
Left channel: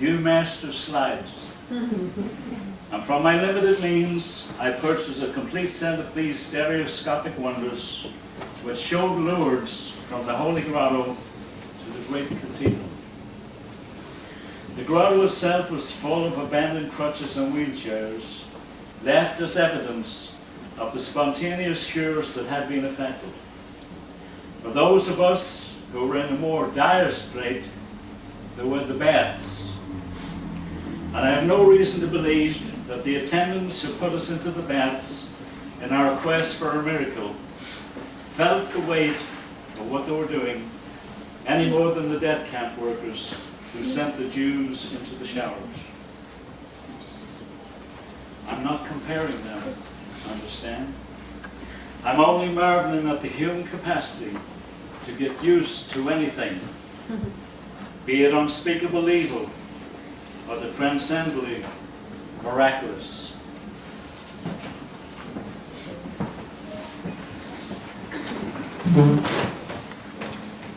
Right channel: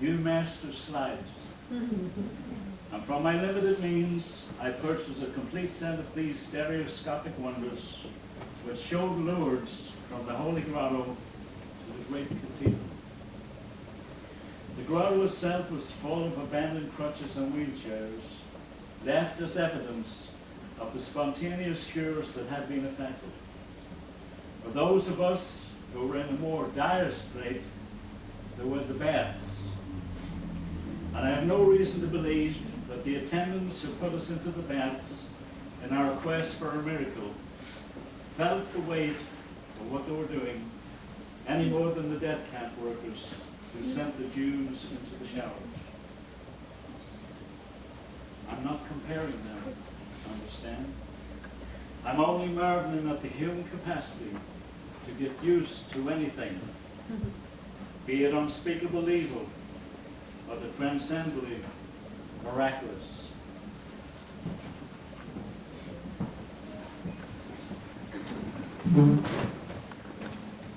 Viewmaster slides. And from my limited means, I purchased a complete set of these stereoscopic wonders, which showed Lourdes from the Holy Grotto to the great cathedral. The grotto itself was full of abandoned crutches and wheelchairs, left as evidence of the spontaneous cures that had been effected. For those of us who were in a more dire strait, there were the baths. And I have no reason to believe that the attendants who put us into the baths in our quest for a miracle felt the weight of what they were doing any more than the death camp workers who sent the Jews into the showers. I'm not comparing them, understand? I'm only marveling at the human capacity to get used to anything, be it unspeakable evil or the transcendently miraculous.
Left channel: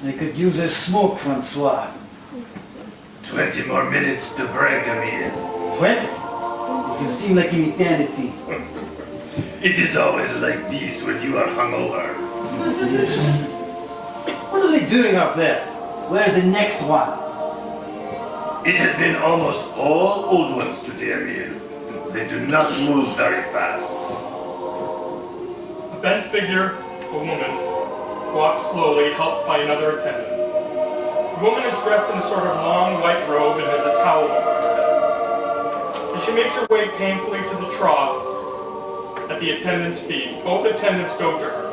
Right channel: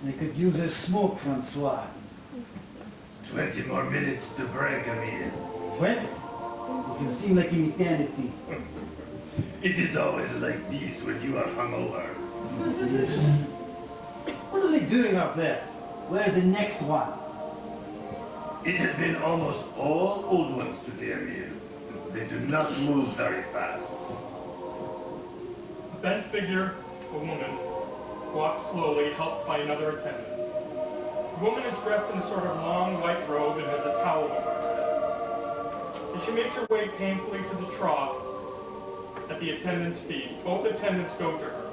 They could use a smoke, Francois. 20 more minutes to break, Emile. 20? It will seem like an eternity. It is always like this when you are hungover. Yes. What are they doing up there? Where's the next one? It has been almost all old ones today, Emile. They do not move very fast. A bent figure, a woman, walks slowly, helped by another attendant. The woman is dressed in a sort of long white robe and has a towel over her. As she makes her way painfully to the trough at the attendant's feet, both attendants go to her.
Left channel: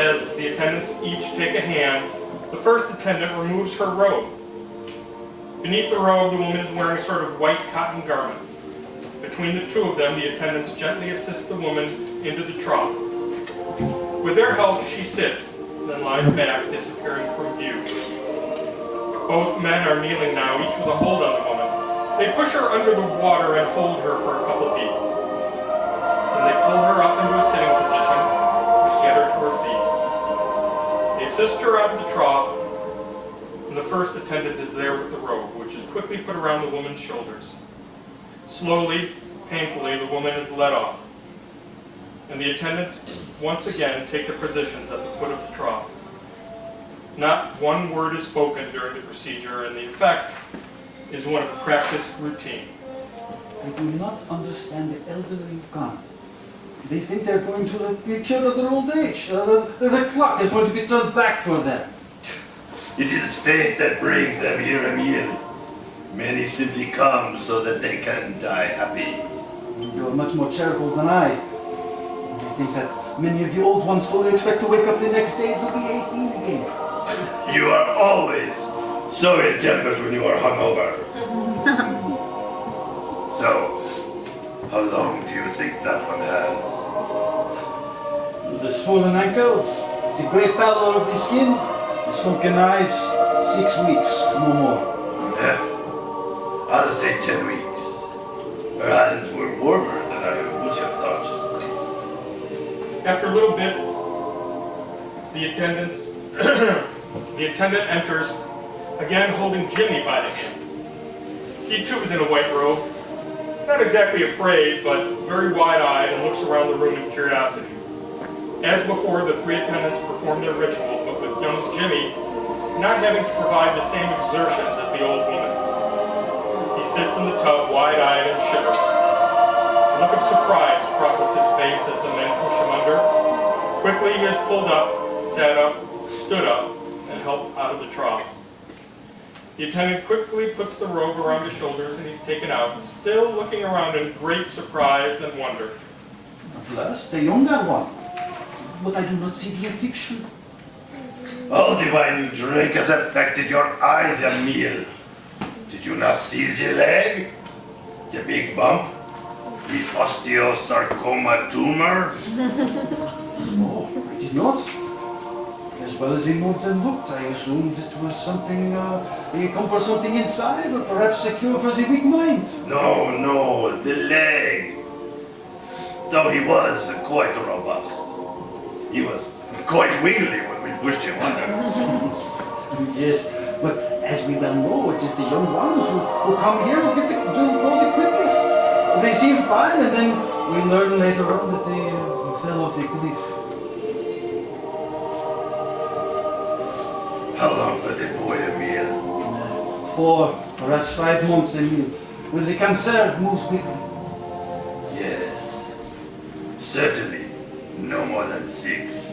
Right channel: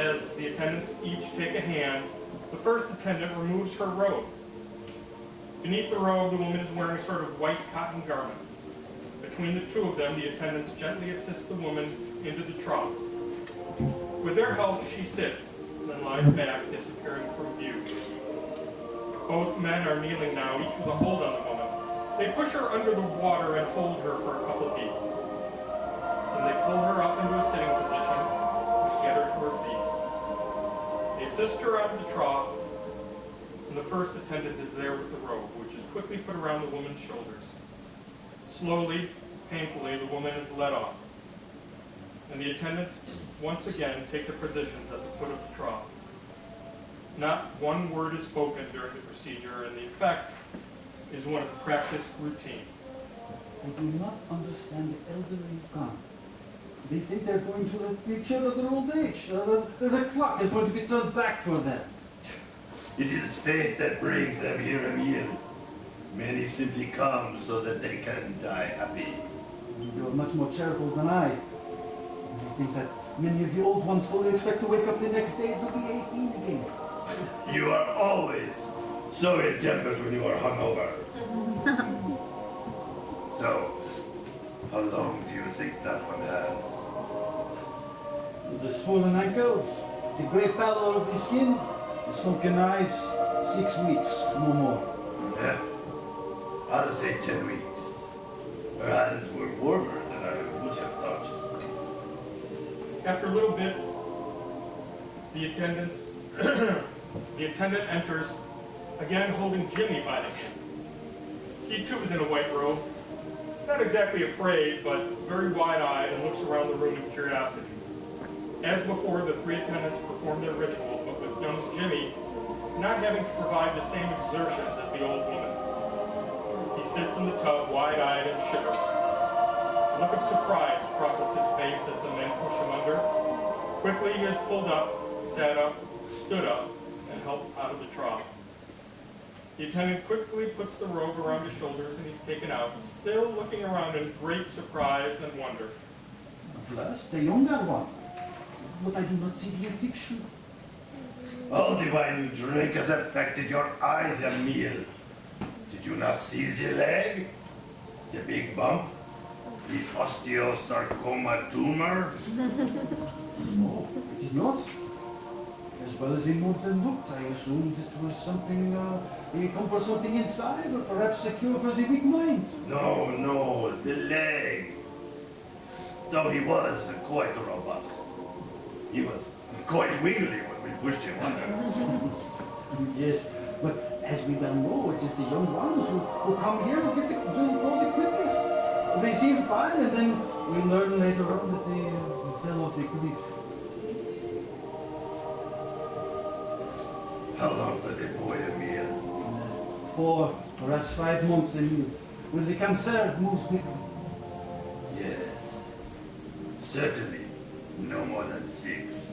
As the attendants each take a hand, the first attendant removes her robe. Beneath the robe, the woman is wearing a sort of white cotton garment. Between the two of them, the attendants gently assist the woman into the trough. With their help, she sits, then lies back, disappearing from view. Both men are kneeling now, each with a hold on the woman. They push her under the water and hold her for a couple beats. Then they pull her up into a sitting position and get her to her feet. They assist her out of the trough, and the first attendant is there with the robe, which is quickly put around the woman's shoulders. Slowly, painfully, the woman is led off, and the attendants once again take their positions at the foot of the trough. Not one word is spoken during the procedure, and the effect is one of practiced routine. They do not understand the elderly gone. They think they're going to be cured of their old age. The clock is going to be turned back for them. It is fate that brings them here, Emile. Many simply come so that they can die happy. You're much more charitable than I. I think that many of the old ones fully expect to wake up the next day to be 18 again. You are always so ill-tempered when you are hungover. So, how long do you think that one has? The swollen ankles, the grey pallor of the skin, the sunken eyes, 6 weeks, no more. Yeah, I'll say 10 weeks. Her hands were warmer than I would have thought. After a little bit, the attendant enters, again holding Jimmy by the hand. He too is in a white robe. He's not exactly afraid, but very wide-eyed and looks around the room in curiosity. As before, the three attendants perform their ritual, but with young Jimmy not having to provide the same exertions as the old woman. He sits in the tub, wide-eyed and shivers. A look of surprise crosses his face as the men push him under. Quickly he is pulled up, sat up, stood up, and helped out of the trough. The attendant quickly puts the robe around his shoulders and he's taken out, still looking around in great surprise and wonder. At last, the younger one. But I do not see the affliction. All the wine you drink has affected your eyes, Emile. Did you not see the leg? The big bump? The osteosarcoma tumor? No, I did not. As well as he moved and looked, I assumed it was something, he come for something inside, or perhaps a cure for the weak mind. No, the leg. Though he was quite robust. He was quite wiggly when we pushed him under. Yes, but as we well know, it is the young ones who come here who go the quickest. They seem fine, and then we learn later on that they fell off the cliff. How long for the boy, Emil? 4, perhaps 5 months, Emil. When the cancer moves quickly. Yes, certainly no more than 6.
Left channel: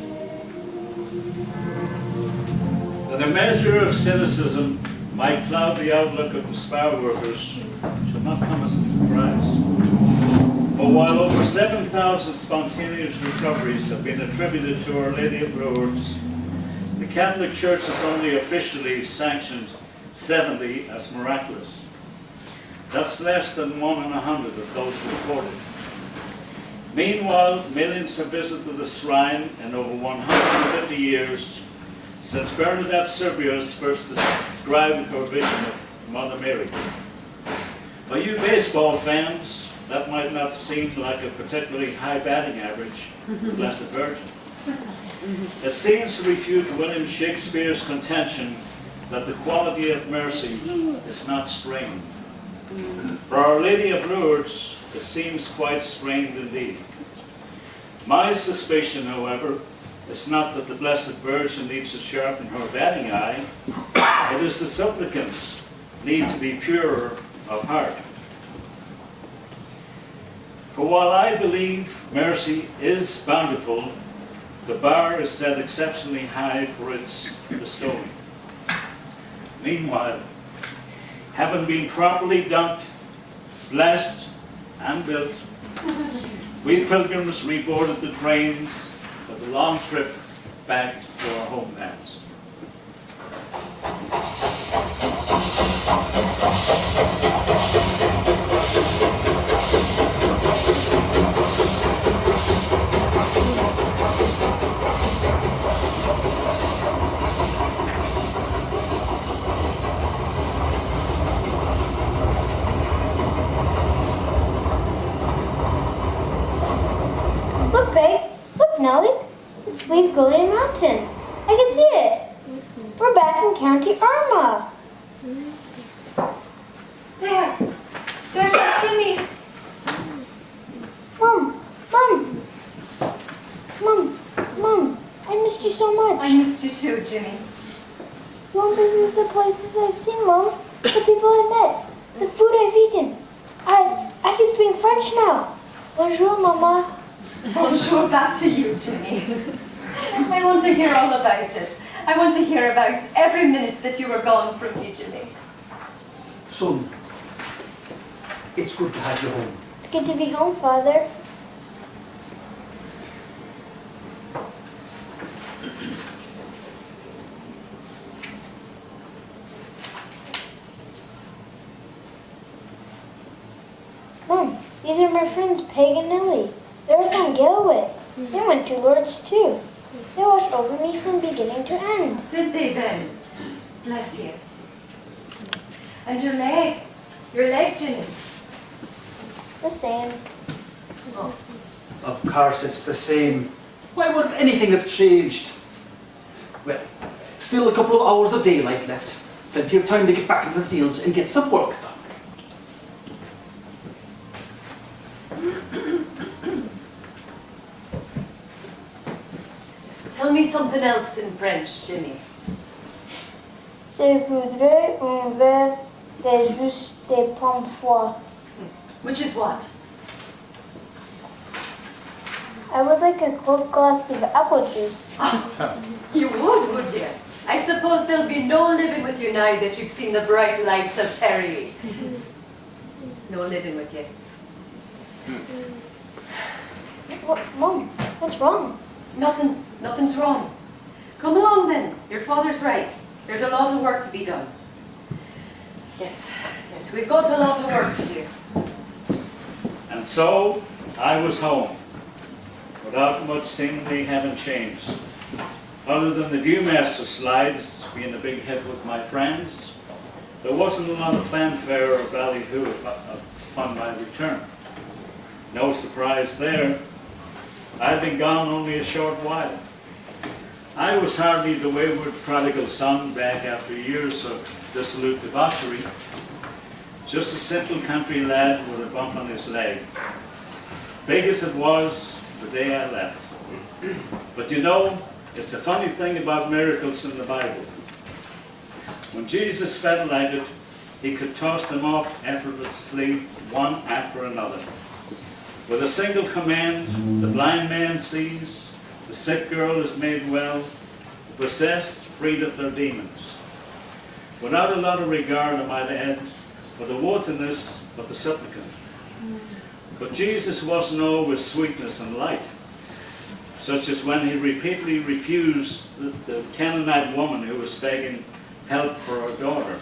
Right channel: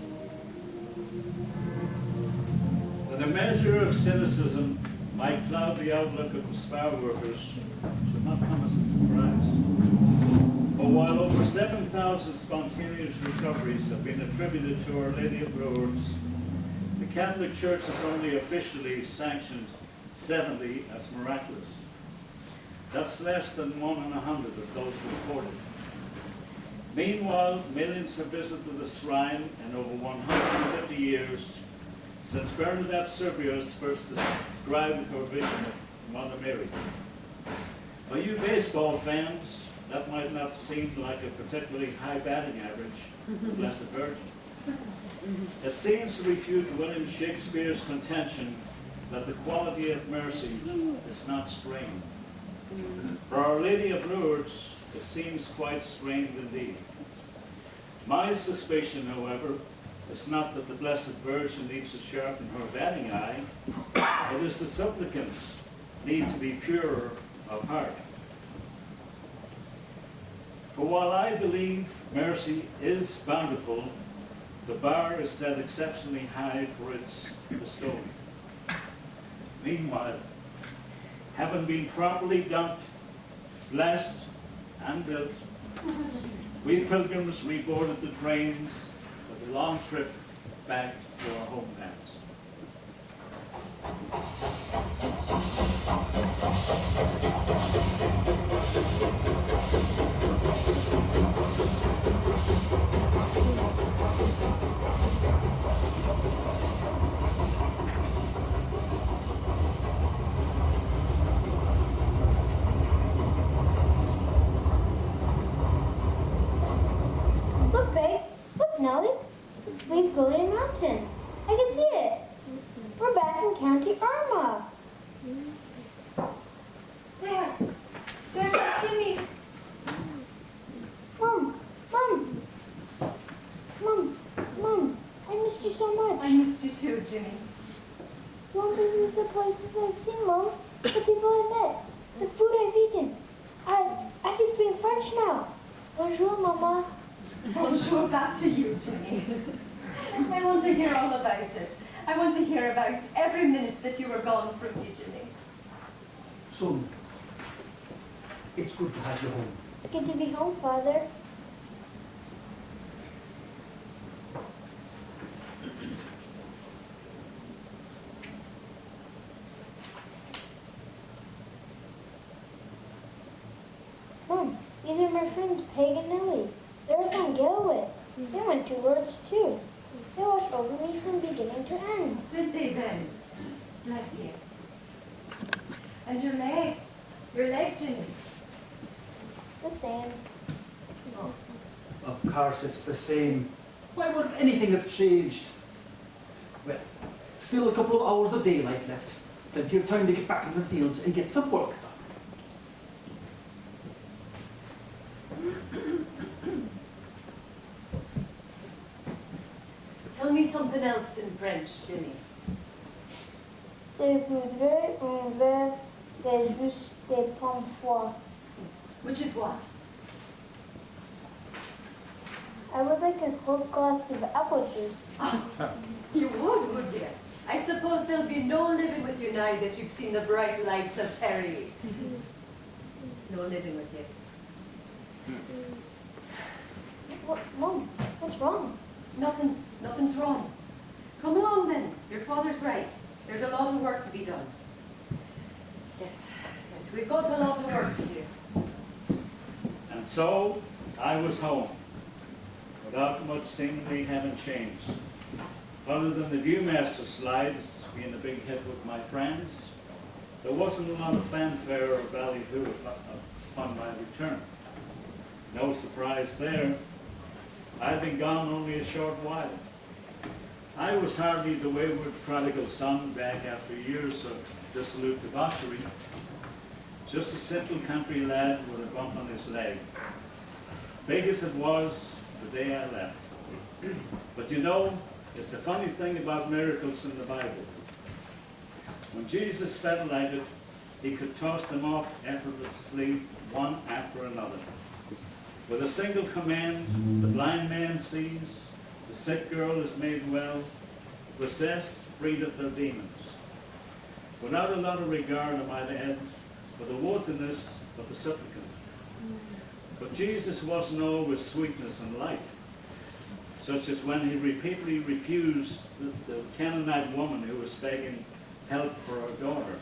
That a measure of cynicism might cloud the outlook of the spa workers should not come as a surprise. For while over 7,000 spontaneous recoveries have been attributed to Our Lady of Lourdes, the Catholic Church has only officially sanctioned 70 as miraculous. That's less than 1 in 100 of those reported. Meanwhile, millions have visited the shrine in over 150 years since Bernadette Serbius first described her vision of Mother Mary. For you baseball fans, that might not seem like a particularly high batting average for the Blessed Virgin. It seems to refute William Shakespeare's contention that the quality of mercy is not strained. For Our Lady of Lourdes, it seems quite strained indeed. My suspicion, however, is not that the Blessed Virgin needs to sharpen her batting eye, it is the supplicants need to be purer of heart. For while I believe mercy is bountiful, the bar is set exceptionally high for its bestowing. Meanwhile, having been properly dunked, blessed, and built, we pilgrims reboarded the trains for the long trip back to our homelands. Look, Peg. Look, Nellie. It's Leigh Mountain. I can see it. We're back in County Armagh. There. There's that Jimmy. Mom, I missed you so much. I missed you too, Jimmy. You won't believe the places I've seen, Mom. The people I met. The food I've eaten. I can speak French now. Bonjour, Mama. Bonjour back to you, Jimmy. I want to hear all about it. I want to hear about every minute that you were gone from me, Jimmy. Son, it's good to have you home. It's good to be home, Father. Mom, these are my friends Peg and Nellie. They're from Galway. They went to Lourdes too. They watched over me from beginning to end. Did they then? Bless you. And your leg, Jimmy. The same. Oh. Of course it's the same. Why would anything have changed? Well, still a couple of hours of daylight left. Plenty of time to get back into the fields and get some work done. Tell me something else in French, Jimmy. Je voudrais un verre de jus de pomme foire. Which is what? I would like a cold glass of apple juice. You would you? I suppose there'll be no living with you now that you've seen the bright lights of Perry. No living with you. Mom, what's wrong? Nothing's wrong. Come along then. Your father's right. There's a lot of work to be done. Yes, we've got a lot of work to do. And so, I was home, without much seemingly having changed. Other than the Viewmaster slides being a big hit with my friends, there wasn't a lot of fanfare or ballyhoo upon my return. No surprise there. I'd been gone only a short while. I was hardly the wayward prodigal son back after years of dissolute debauchery, just a simple country lad with a bump on his leg. Big as it was the day I left. But you know, it's a funny thing about miracles in the Bible. When Jesus felt like it, he could toss them off effortlessly, one after another. With a single command, the blind man sees, the sick girl is made well, the possessed freed of their demons. Without a lot of regard, I might add, for the worthiness of the supplicant. But Jesus wasn't always sweetness and light, such as when he repeatedly refused the Canaanite woman who was begging help for her daughter,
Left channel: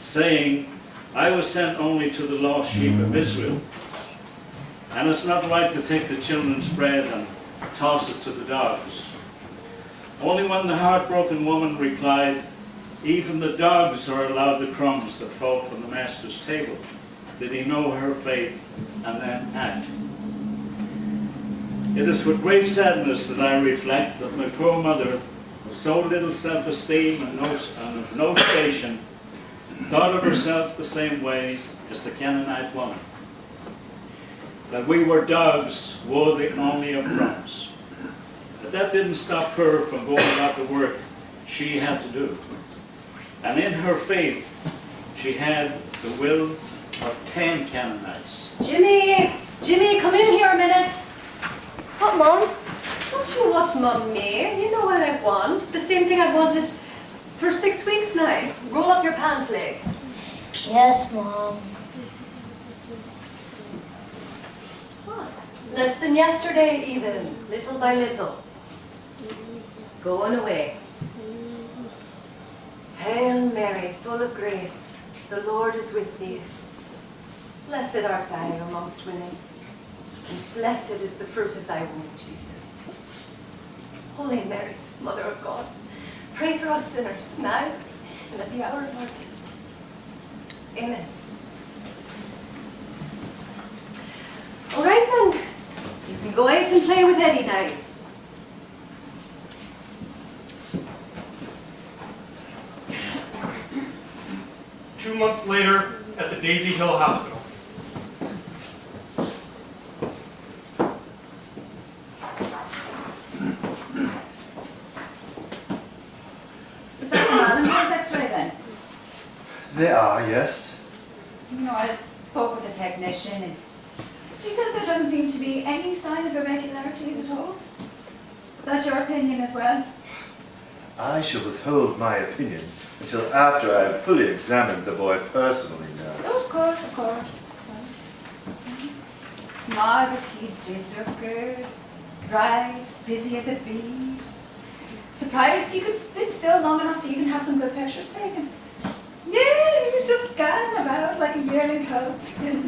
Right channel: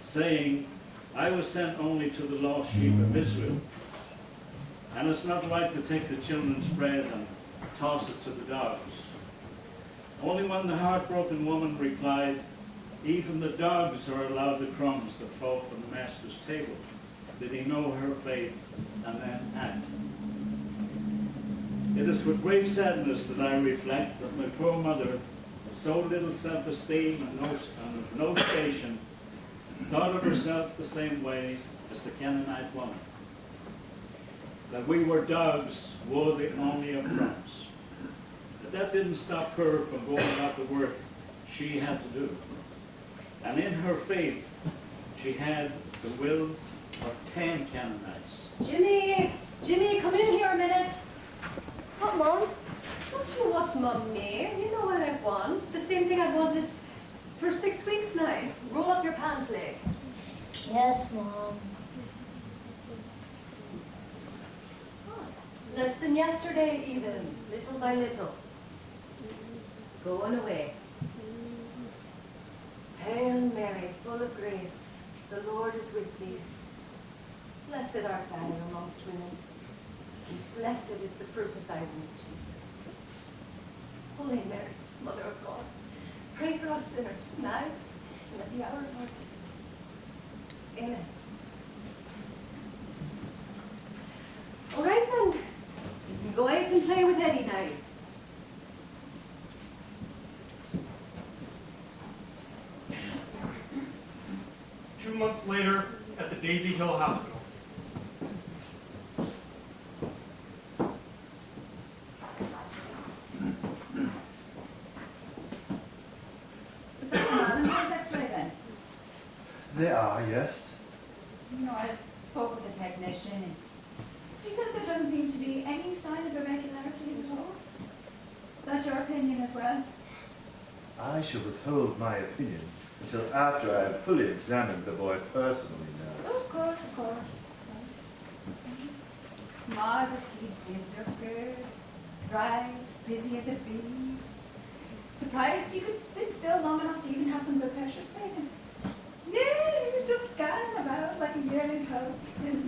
saying, I was sent only to the lost sheep of Israel. And it's not right to take the children's bread and toss it to the dogs. Only when the heartbroken woman replied, even the dogs are allowed the crumbs that fall from the master's table, did he know her faith and then act. It is with great sadness that I reflect that my poor mother, with so little self-esteem and of no station, thought of herself the same way as the Canaanite woman. That we were dogs worthy only of crumbs. But that didn't stop her from going about the work she had to do. And in her faith, she had the will of 10 Canaanites. Jimmy! Jimmy, come in here a minute. What, Mum? Don't you know what Mum made? You know what I want. The same thing I've wanted for 6 weeks now. Roll up your pant leg. Yes, Mom. What? Less than yesterday even, little by little. Going away. Hail Mary, full of grace, the Lord is with thee. Blessed art thou amongst women, and blessed is the fruit of thy womb, Jesus. Holy Mary, Mother of God, pray for us sinners now and at the hour of our death. Amen. All right then, you can go out and play with Eddie now. 2 months later, at the Daisy Hill Hospital. Is that the Mallon X-ray then? They are, yes. You know, I spoke with the technician and he says there doesn't seem to be any sign of irregularities at all. Is that your opinion as well? I shall withhold my opinion until after I have fully examined the boy personally, Oh, nurse. of course, of course. No, but he did look good. Bright, busy as it be. Surprised he could sit still long enough to even have some good pictures taken. Yeah, he was just gadding about like a yearling coat.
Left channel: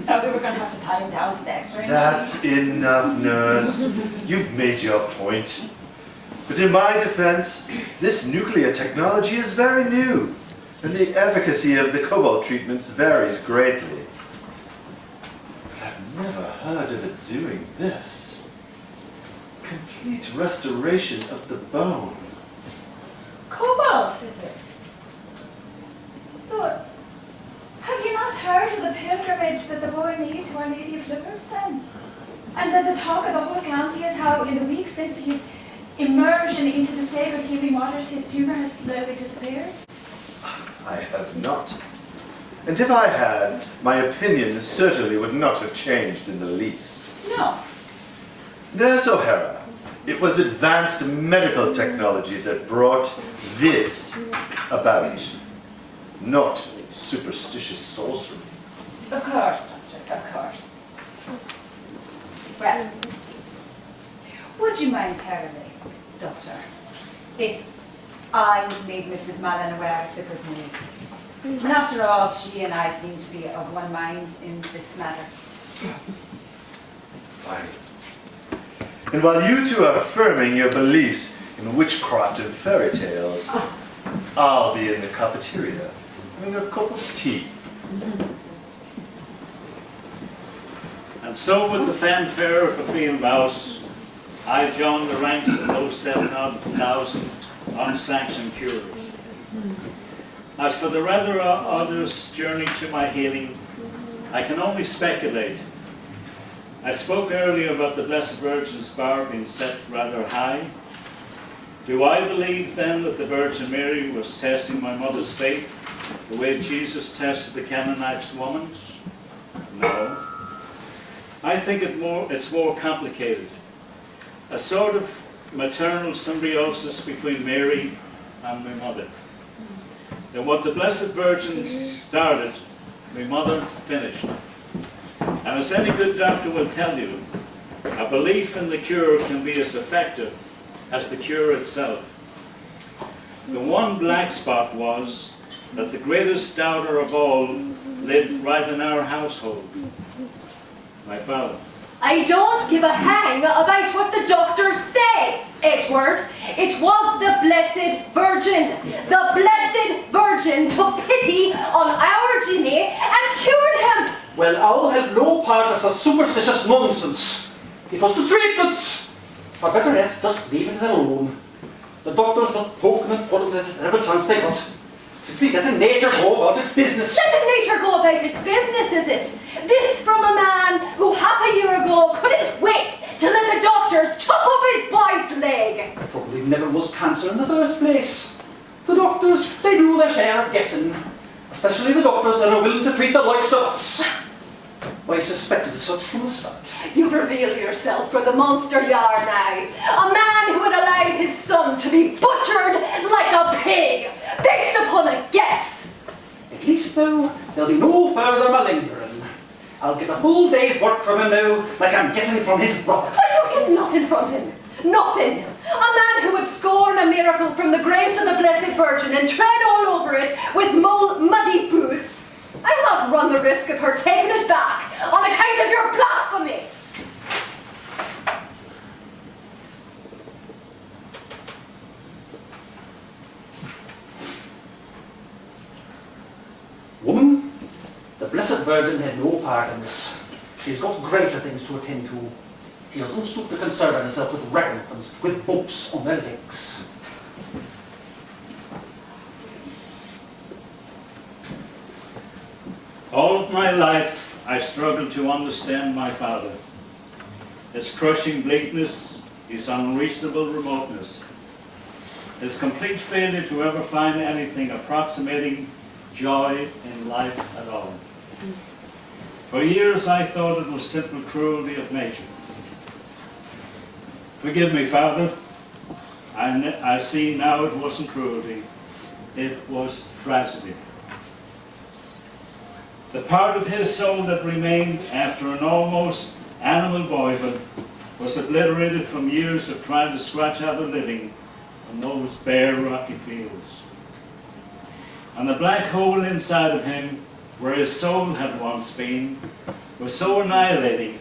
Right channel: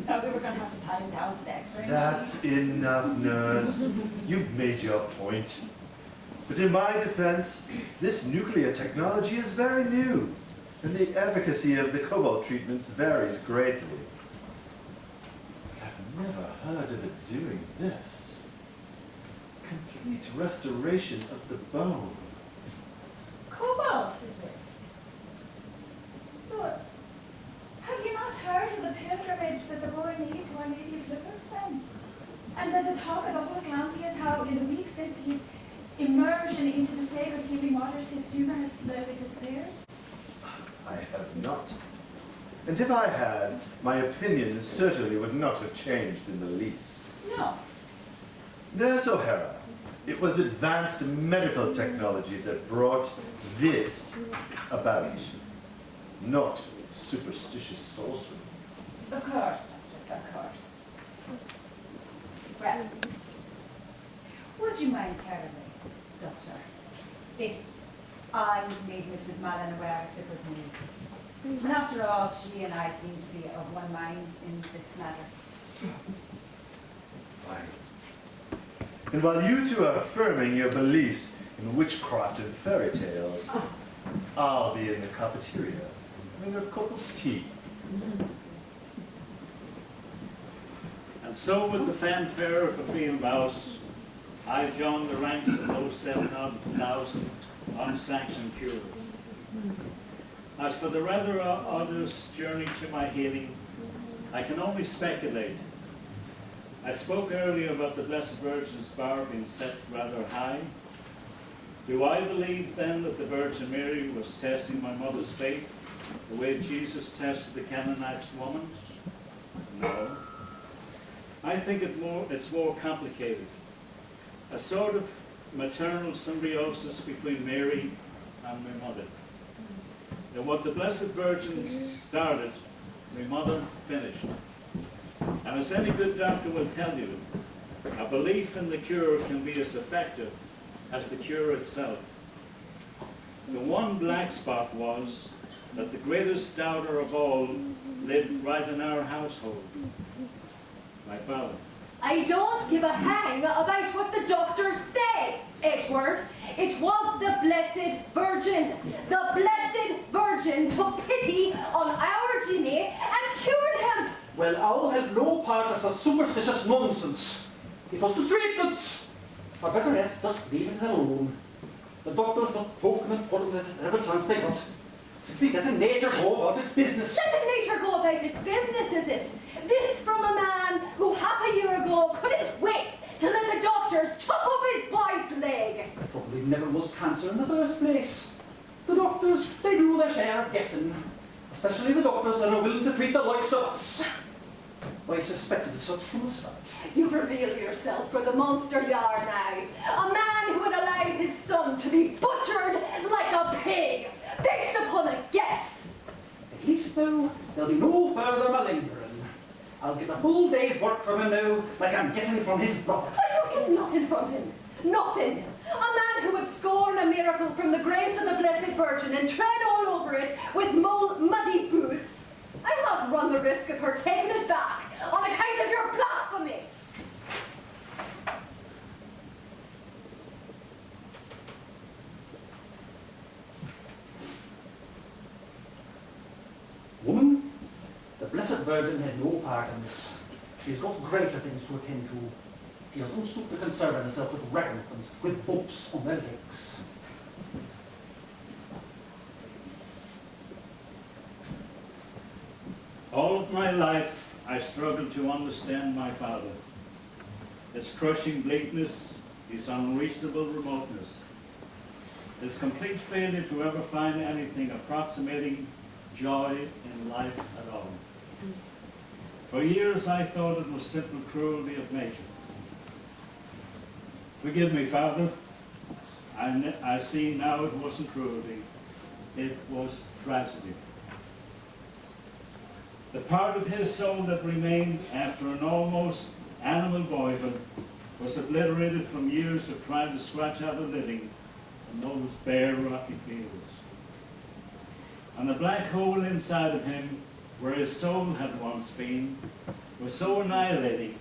Now we were going to have to tie him down to the X-ray machine. That's enough, nurse. You've made your point. But in my defense, this nuclear technology is very new, and the efficacy of the Cobalt treatments varies greatly. But I've never heard of it doing this. Complete restoration of the bone. Cobalt, is it? So, have you not heard of the pilgrimage that the boy made to Our Lady of Lourdes then? And that the talk of the whole county is how in the weeks since his immersion into the sacred healing waters, his tumor has slowly disappeared? I have not. And if I had, my opinion certainly would not have changed in the least. No. Nurse O'Hara, it was advanced medical technology that brought this about, not superstitious sorcery. Of course, Doctor, of course. Well, would you mind telling me, Doctor, if I made Mrs. Mallon aware of the good news? And after all, she and I seem to be of one mind in this matter. Fine. And while you two are affirming your beliefs in witchcraft and fairy tales, I'll be in the cafeteria having a cup of tea. And so with the fanfare of a field mouse, I joined the ranks of those 7,000 unsanctioned cures. As for the rather others' journey to my healing, I can only speculate. I spoke earlier about the Blessed Virgin's bar being set rather high. Do I believe then that the Virgin Mary was testing my mother's faith the way Jesus tested the Canaanite woman's? No. I think it's more complicated. A sort of maternal symbiosis between Mary and my mother. And what the Blessed Virgin started, my mother finished. And as any good doctor will tell you, a belief in the cure can be as effective as the cure itself. The one black spot was that the greatest doubter of all lived right in our household, my father. I don't give a hang about what the doctors say, Edward. It was the Blessed Virgin. The Blessed Virgin took pity on our Jimmy and cured him. Well, I'll have no part of the superstitious nonsense. It was the treatments. Or better yet, just leave it alone. The doctor's not poking and prodding at every chance they got. Simply letting nature go about its business. Letting nature go about its business, is it? This from a man who half a year ago couldn't wait to let the doctors chop up his boy's leg. Probably never was cancer in the first place. The doctors, they do their share of guessing. Especially the doctors that are willing to treat the likes of us. I suspected as such from the start. You've revealed yourself for the monster you are now. A man who had allowed his son to be butchered like a pig, based upon a guess. At least now, there'll be no further malingering. I'll get a full day's work from him now, like I'm getting from his brother. But you get nothing from him. Nothing. A man who would scorn a miracle from the grace of the Blessed Virgin and tread all over it with muddy boots. I'll not run the risk of her taking it back on account of your blasphemy. Woman, the Blessed Virgin had no part in this. She's got greater things to attend to. She doesn't stoop to concern herself with ragamuffins, with bumps on their legs. All of my life, I struggled to understand my father. His crushing bleakness, his unreasonable remoteness, his complete failure to ever find anything approximating joy in life at all. For years, I thought it was simple cruelty of nature. Forgive me, Father. I see now it wasn't cruelty. It was tragedy. The part of his soul that remained after an almost animal boyhood was obliterated from years of trying to scratch out a living on those bare, rocky fields. And the black hole inside of him, where his soul had once been, was so annihilating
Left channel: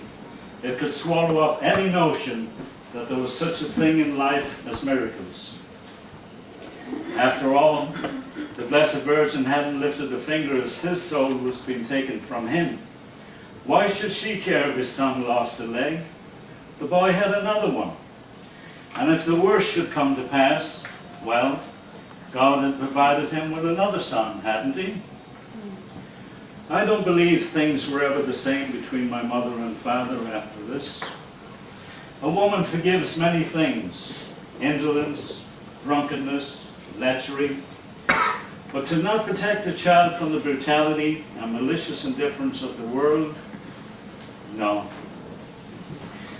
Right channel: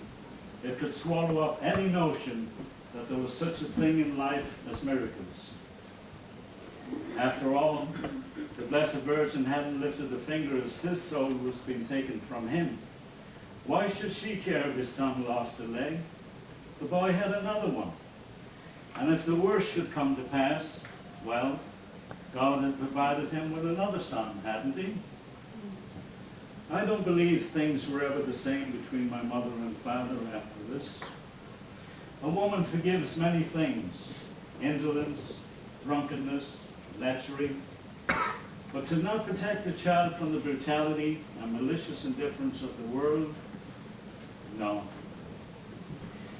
it could swallow up any notion that there was such a thing in life as miracles. After all, the Blessed Virgin hadn't lifted a finger as his soul was being taken from him. Why should she care if his son lost a leg? The boy had another one. And if the worst should come to pass, well, God had provided him with another son, hadn't he? I don't believe things were ever the same between my mother and father after this. A woman forgives many things: indolence, drunkenness, lechery. But to not protect a child from the brutality and malicious indifference of the world, no.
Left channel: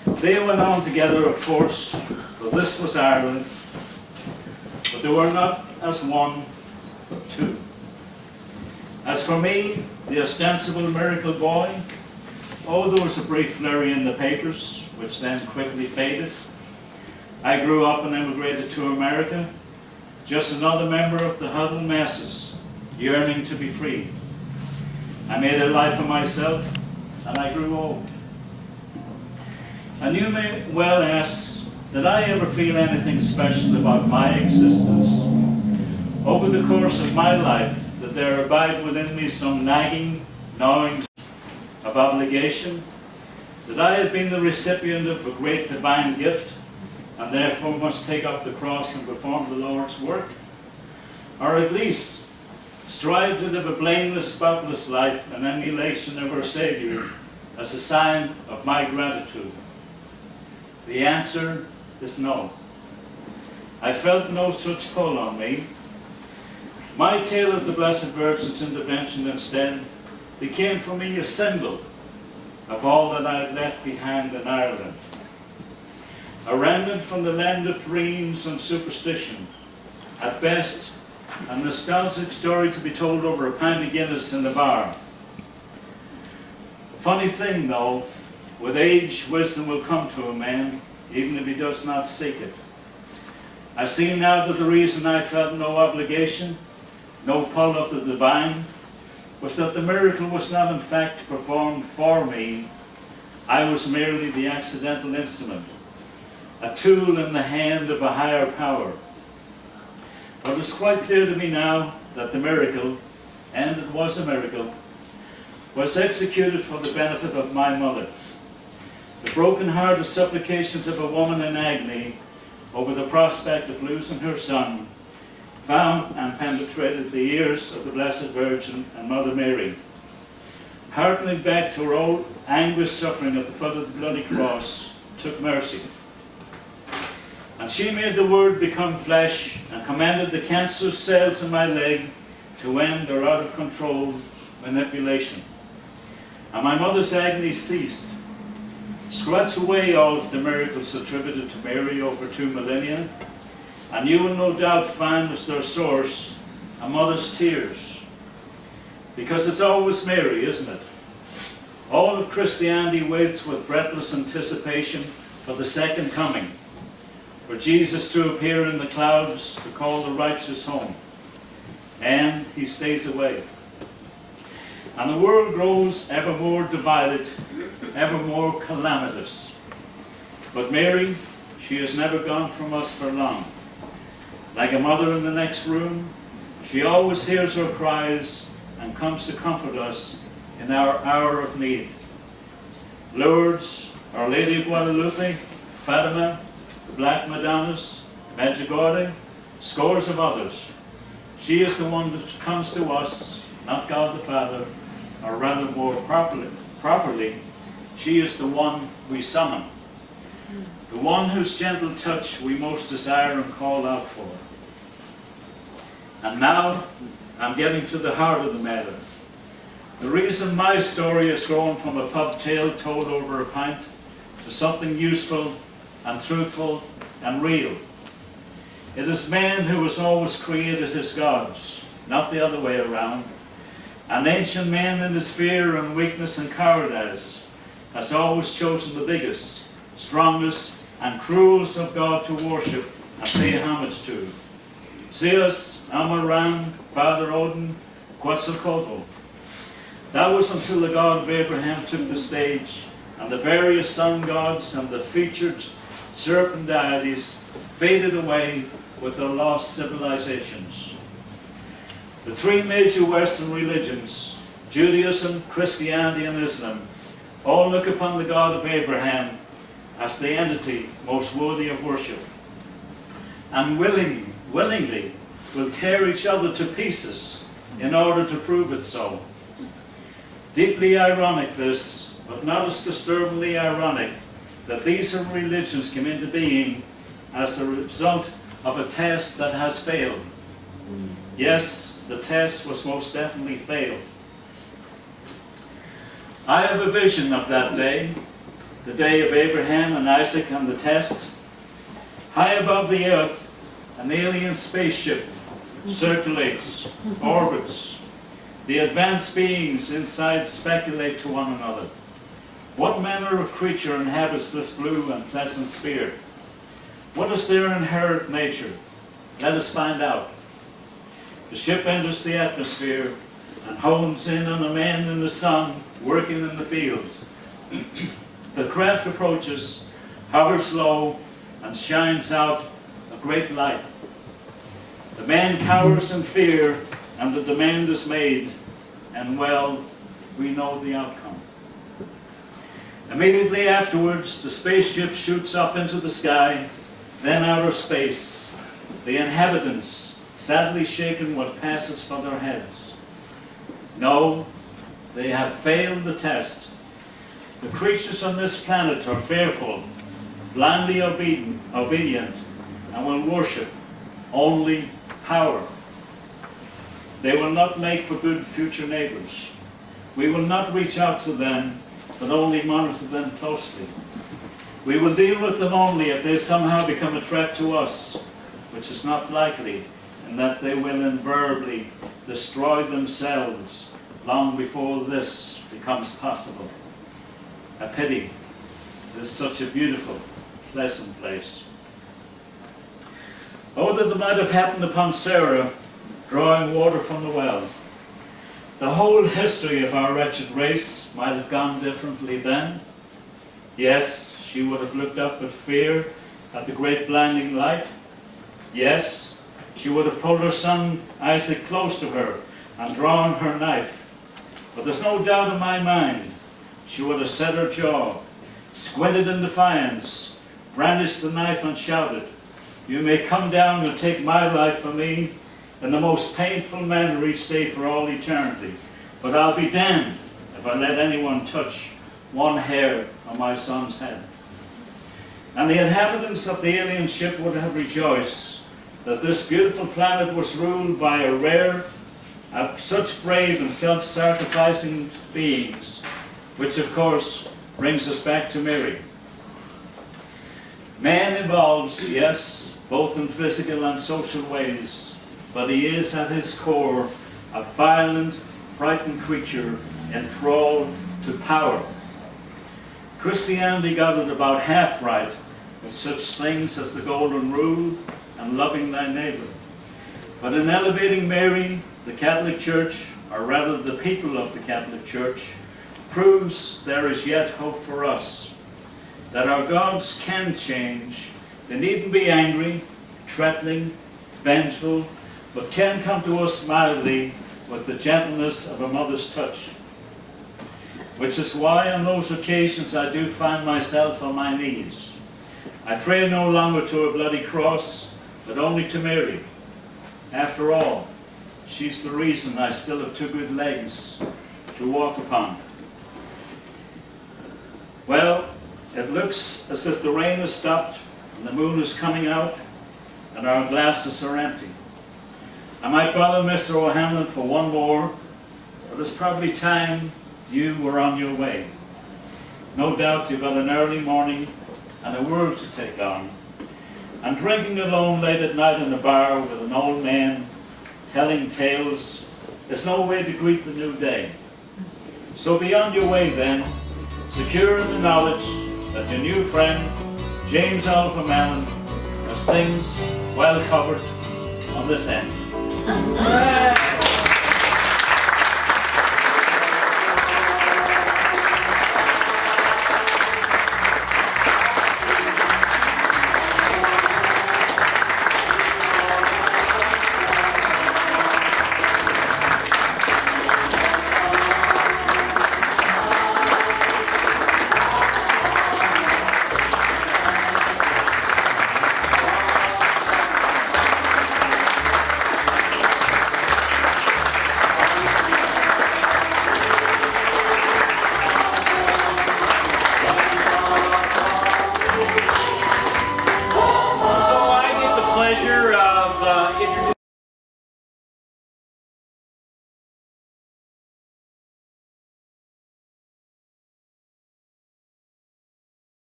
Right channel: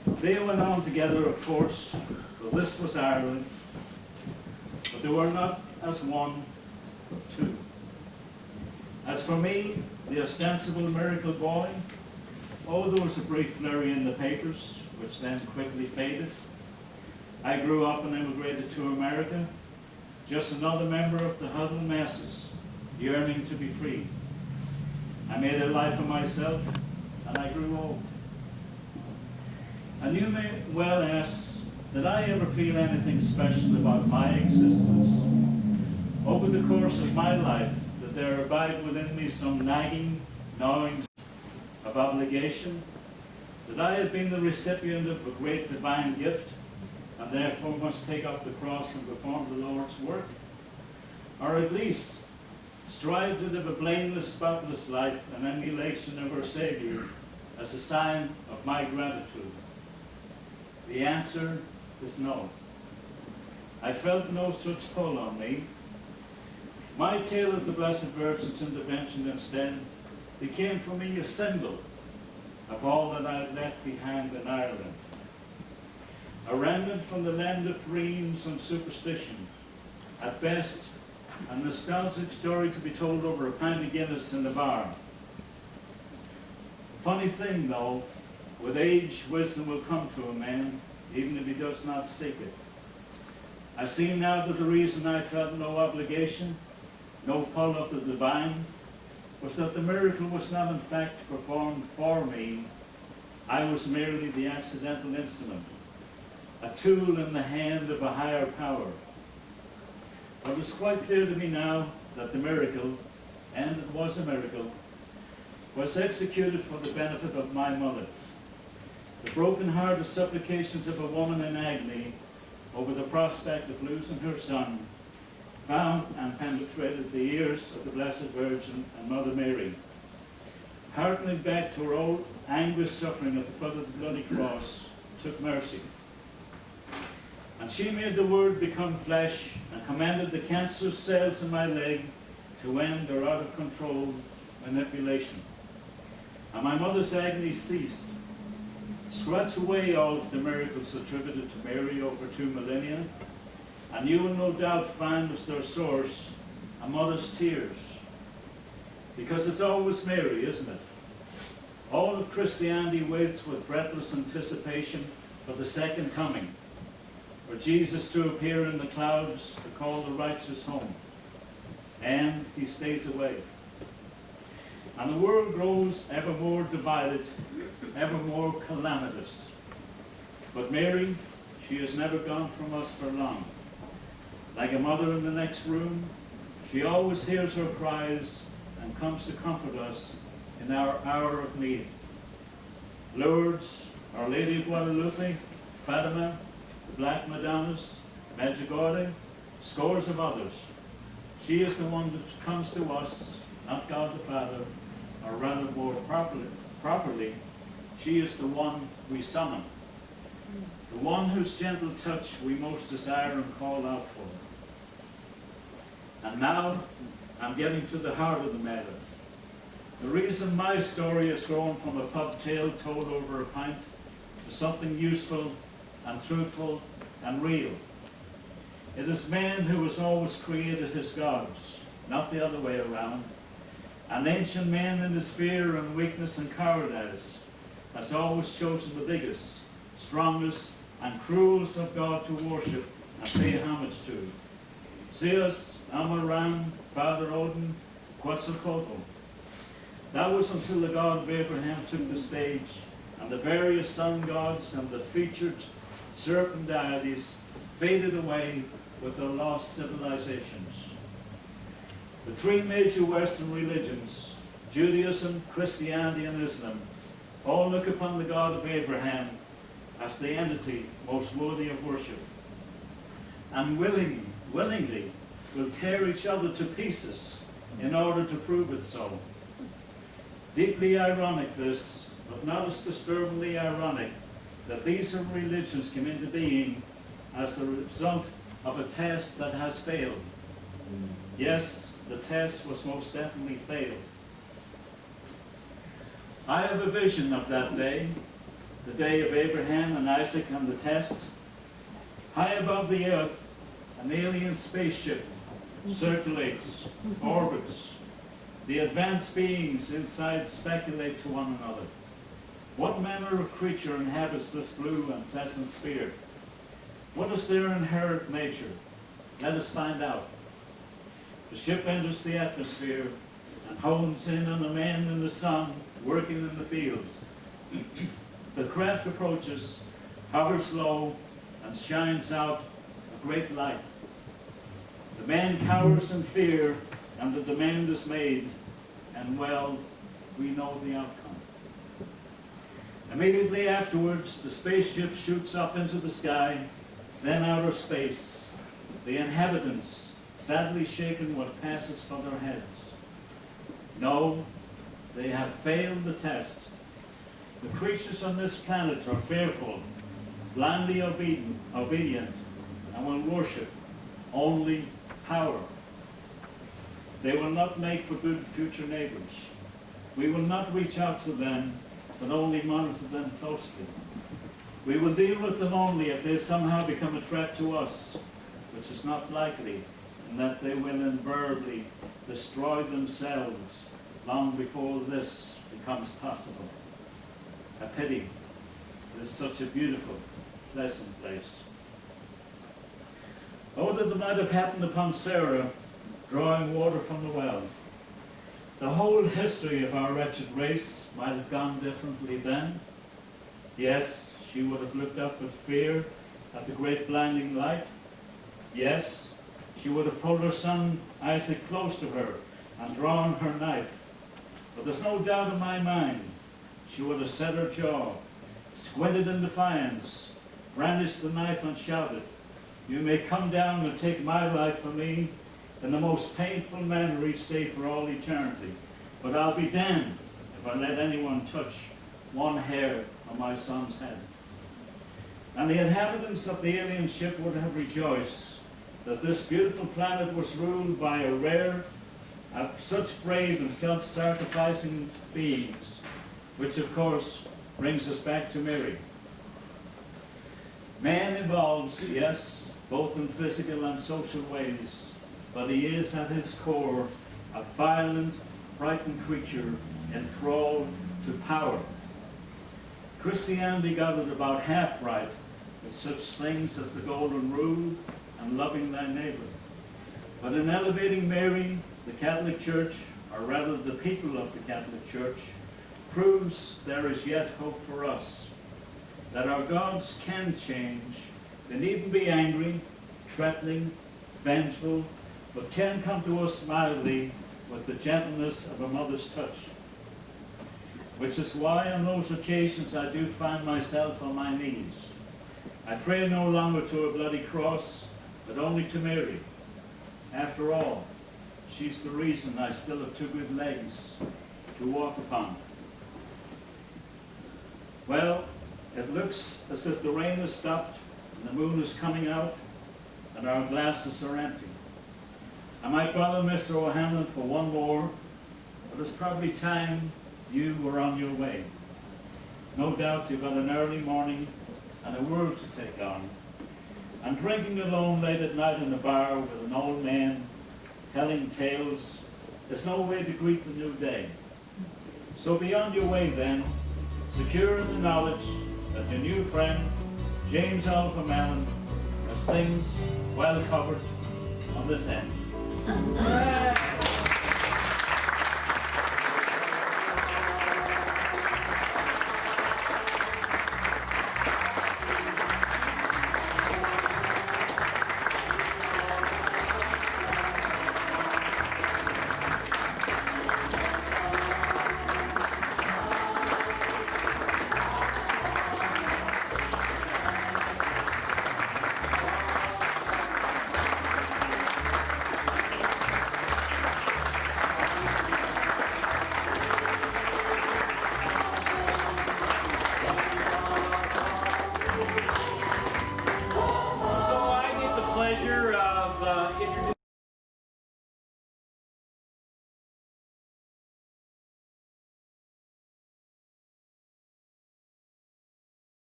They went on together, of course, for this was Ireland, but they were not as one, but two. As for me, the ostensible miracle boy, oh, there was a brief flurry in the papers, which then quickly faded. I grew up and emigrated to America, just another member of the huddled masses, yearning to be free. I made a life of myself, and I grew old. And you may well ask, did I ever feel anything special about my existence? Over the course of my life, did there abide within me some nagging, gnawing of obligation? That I had been the recipient of a great divine gift, and therefore must take up the cross and perform the Lord's work? Or at least strive to live a blameless, spotless life in emulation of our Saviour as a sign of my gratitude? The answer is no. I felt no such pull on me. My tale of the Blessed Virgin's intervention instead became for me a symbol of all that I had left behind in Ireland. A remnant from the land of dreams and superstition. At best, a nostalgic story to be told over a pint of Guinness in the bar. Funny thing though, with age, wisdom will come to a man, even if he does not seek it. I see now that the reason I felt no obligation, no pull of the divine, was that the miracle was not in fact performed for me. I was merely the accidental instrument, a tool in the hand of a higher power. But it's quite clear to me now that the miracle, and it was a miracle, was executed for the benefit of my mother. The broken-hearted supplications of a woman in agony over the prospect of losing her son found and penetrated the ears of the Blessed Virgin and Mother Mary. Harkening back to her old anguished suffering at the foot of the bloody cross, took mercy. And she made the Word become flesh and commanded the cancerous cells in my leg to end their out-of-control manipulation. And my mother's agony ceased. Scratch away all of the miracles attributed to Mary over 2 millennia, and you will no doubt find as their source a mother's tears. Because it's always Mary, isn't it? All of Christianity waits with breathless anticipation for the second coming, for Jesus to appear in the clouds to call the righteous home. And he stays away. And the world grows ever more divided, ever more calamitous. But Mary, she has never gone from us for long. Like a mother in the next room, she always hears our cries and comes to comfort us in our hour of need. Lourdes, Our Lady of Guadalupe, Fatima, the Black Madonnas, Medjugorje, scores of others. She is the one that comes to us, not God the Father, or rather more properly, she is the one we summon, the one whose gentle touch we most desire and call out for. And now, I'm getting to the heart of the matter. The reason my story has grown from a pub tale told over a pint to something useful and truthful and real. It is man who has always created his gods, not the other way around. An ancient man in his fear and weakness and cowardice has always chosen the biggest, strongest, and cruelest of God to worship and pay homage to. Zeus, Amaram, Father Odin, Quetzalcoatl. That was until the God of Abraham took the stage, and the various sun gods and the featured serpent deities faded away with their lost civilizations. The 3 major Western religions, Judaism, Christianity, and Islam, all look upon the God of Abraham as the entity most worthy of worship, and willingly will tear each other to pieces in order to prove it so. Deeply ironic this, but not as disturbingly ironic, that these religions came into being as a result of a test that has failed. Yes, the test was most definitely failed. I have a vision of that day, the day of Abraham and Isaac and the test. High above the earth, an alien spaceship circulates, orbits. The advanced beings inside speculate to one another. What manner of creature inhabits this blue and pleasant sphere? What is their inherent nature? Let us find out. The ship enters the atmosphere and hones in on a man in the sun working in the fields. The craft approaches, hovers low, and shines out a great light. The man cowers in fear, and the demand is made, and well, we know the outcome. Immediately afterwards, the spaceship shoots up into the sky, then outer space, the inhabitants sadly shaken what passes for their heads. No, they have failed the test. The creatures on this planet are fearful, blindly obedient, and will worship only power. They will not make for good future neighbors. We will not reach out to them, but only monitor them closely. We will deal with them only if they somehow become a threat to us, which is not likely, and that they will invariably destroy themselves long before this becomes possible. A pity. It is such a beautiful, pleasant place. Oh, that it might have happened upon Sarah, drawing water from the well. The whole history of our wretched race might have gone differently then. Yes, she would have looked up with fear at the great blinding light. Yes, she would have pulled her son Isaac close to her and drawn her knife. But there's no doubt in my mind she would have set her jaw, squinted in defiance, brandished the knife and shouted, "You may come down and take my life from me in the most painful manner each day for all eternity, but I'll be damned if I let anyone touch one hair on my son's head." And the inhabitants of the alien ship would have rejoiced that this beautiful planet was ruled by a rare, such brave and self-sacrificing beings, which of course brings us back to Mary. Man evolves, yes, both in physical and social ways, but he is at his core a violent, frightened creature enthralled to power. Christianity got it about half right with such things as the Golden Rule and loving thy neighbor. But in elevating Mary, the Catholic Church, or rather the people of the Catholic Church, proves there is yet hope for us, that our gods can change. They needn't be angry, threatening, vengeful, but can come to us mildly with the gentleness of a mother's touch. Which is why on those occasions I do find myself on my knees. I pray no longer to a bloody cross, but only to Mary. After all, she's the reason I still have two good legs to walk upon. Well, it looks as if the rain has stopped and the moon is coming out and our glasses are empty. I might bother Mr. O'Hanlon for one more, but it's probably time you were on your way. No doubt you've got an early morning and a world to take on. And drinking alone late at night in a bar with an old man telling tales is no way to greet the new day. So be on your way then, secure in the knowledge that your new friend, James Oliver Mallon, has things well covered on this end.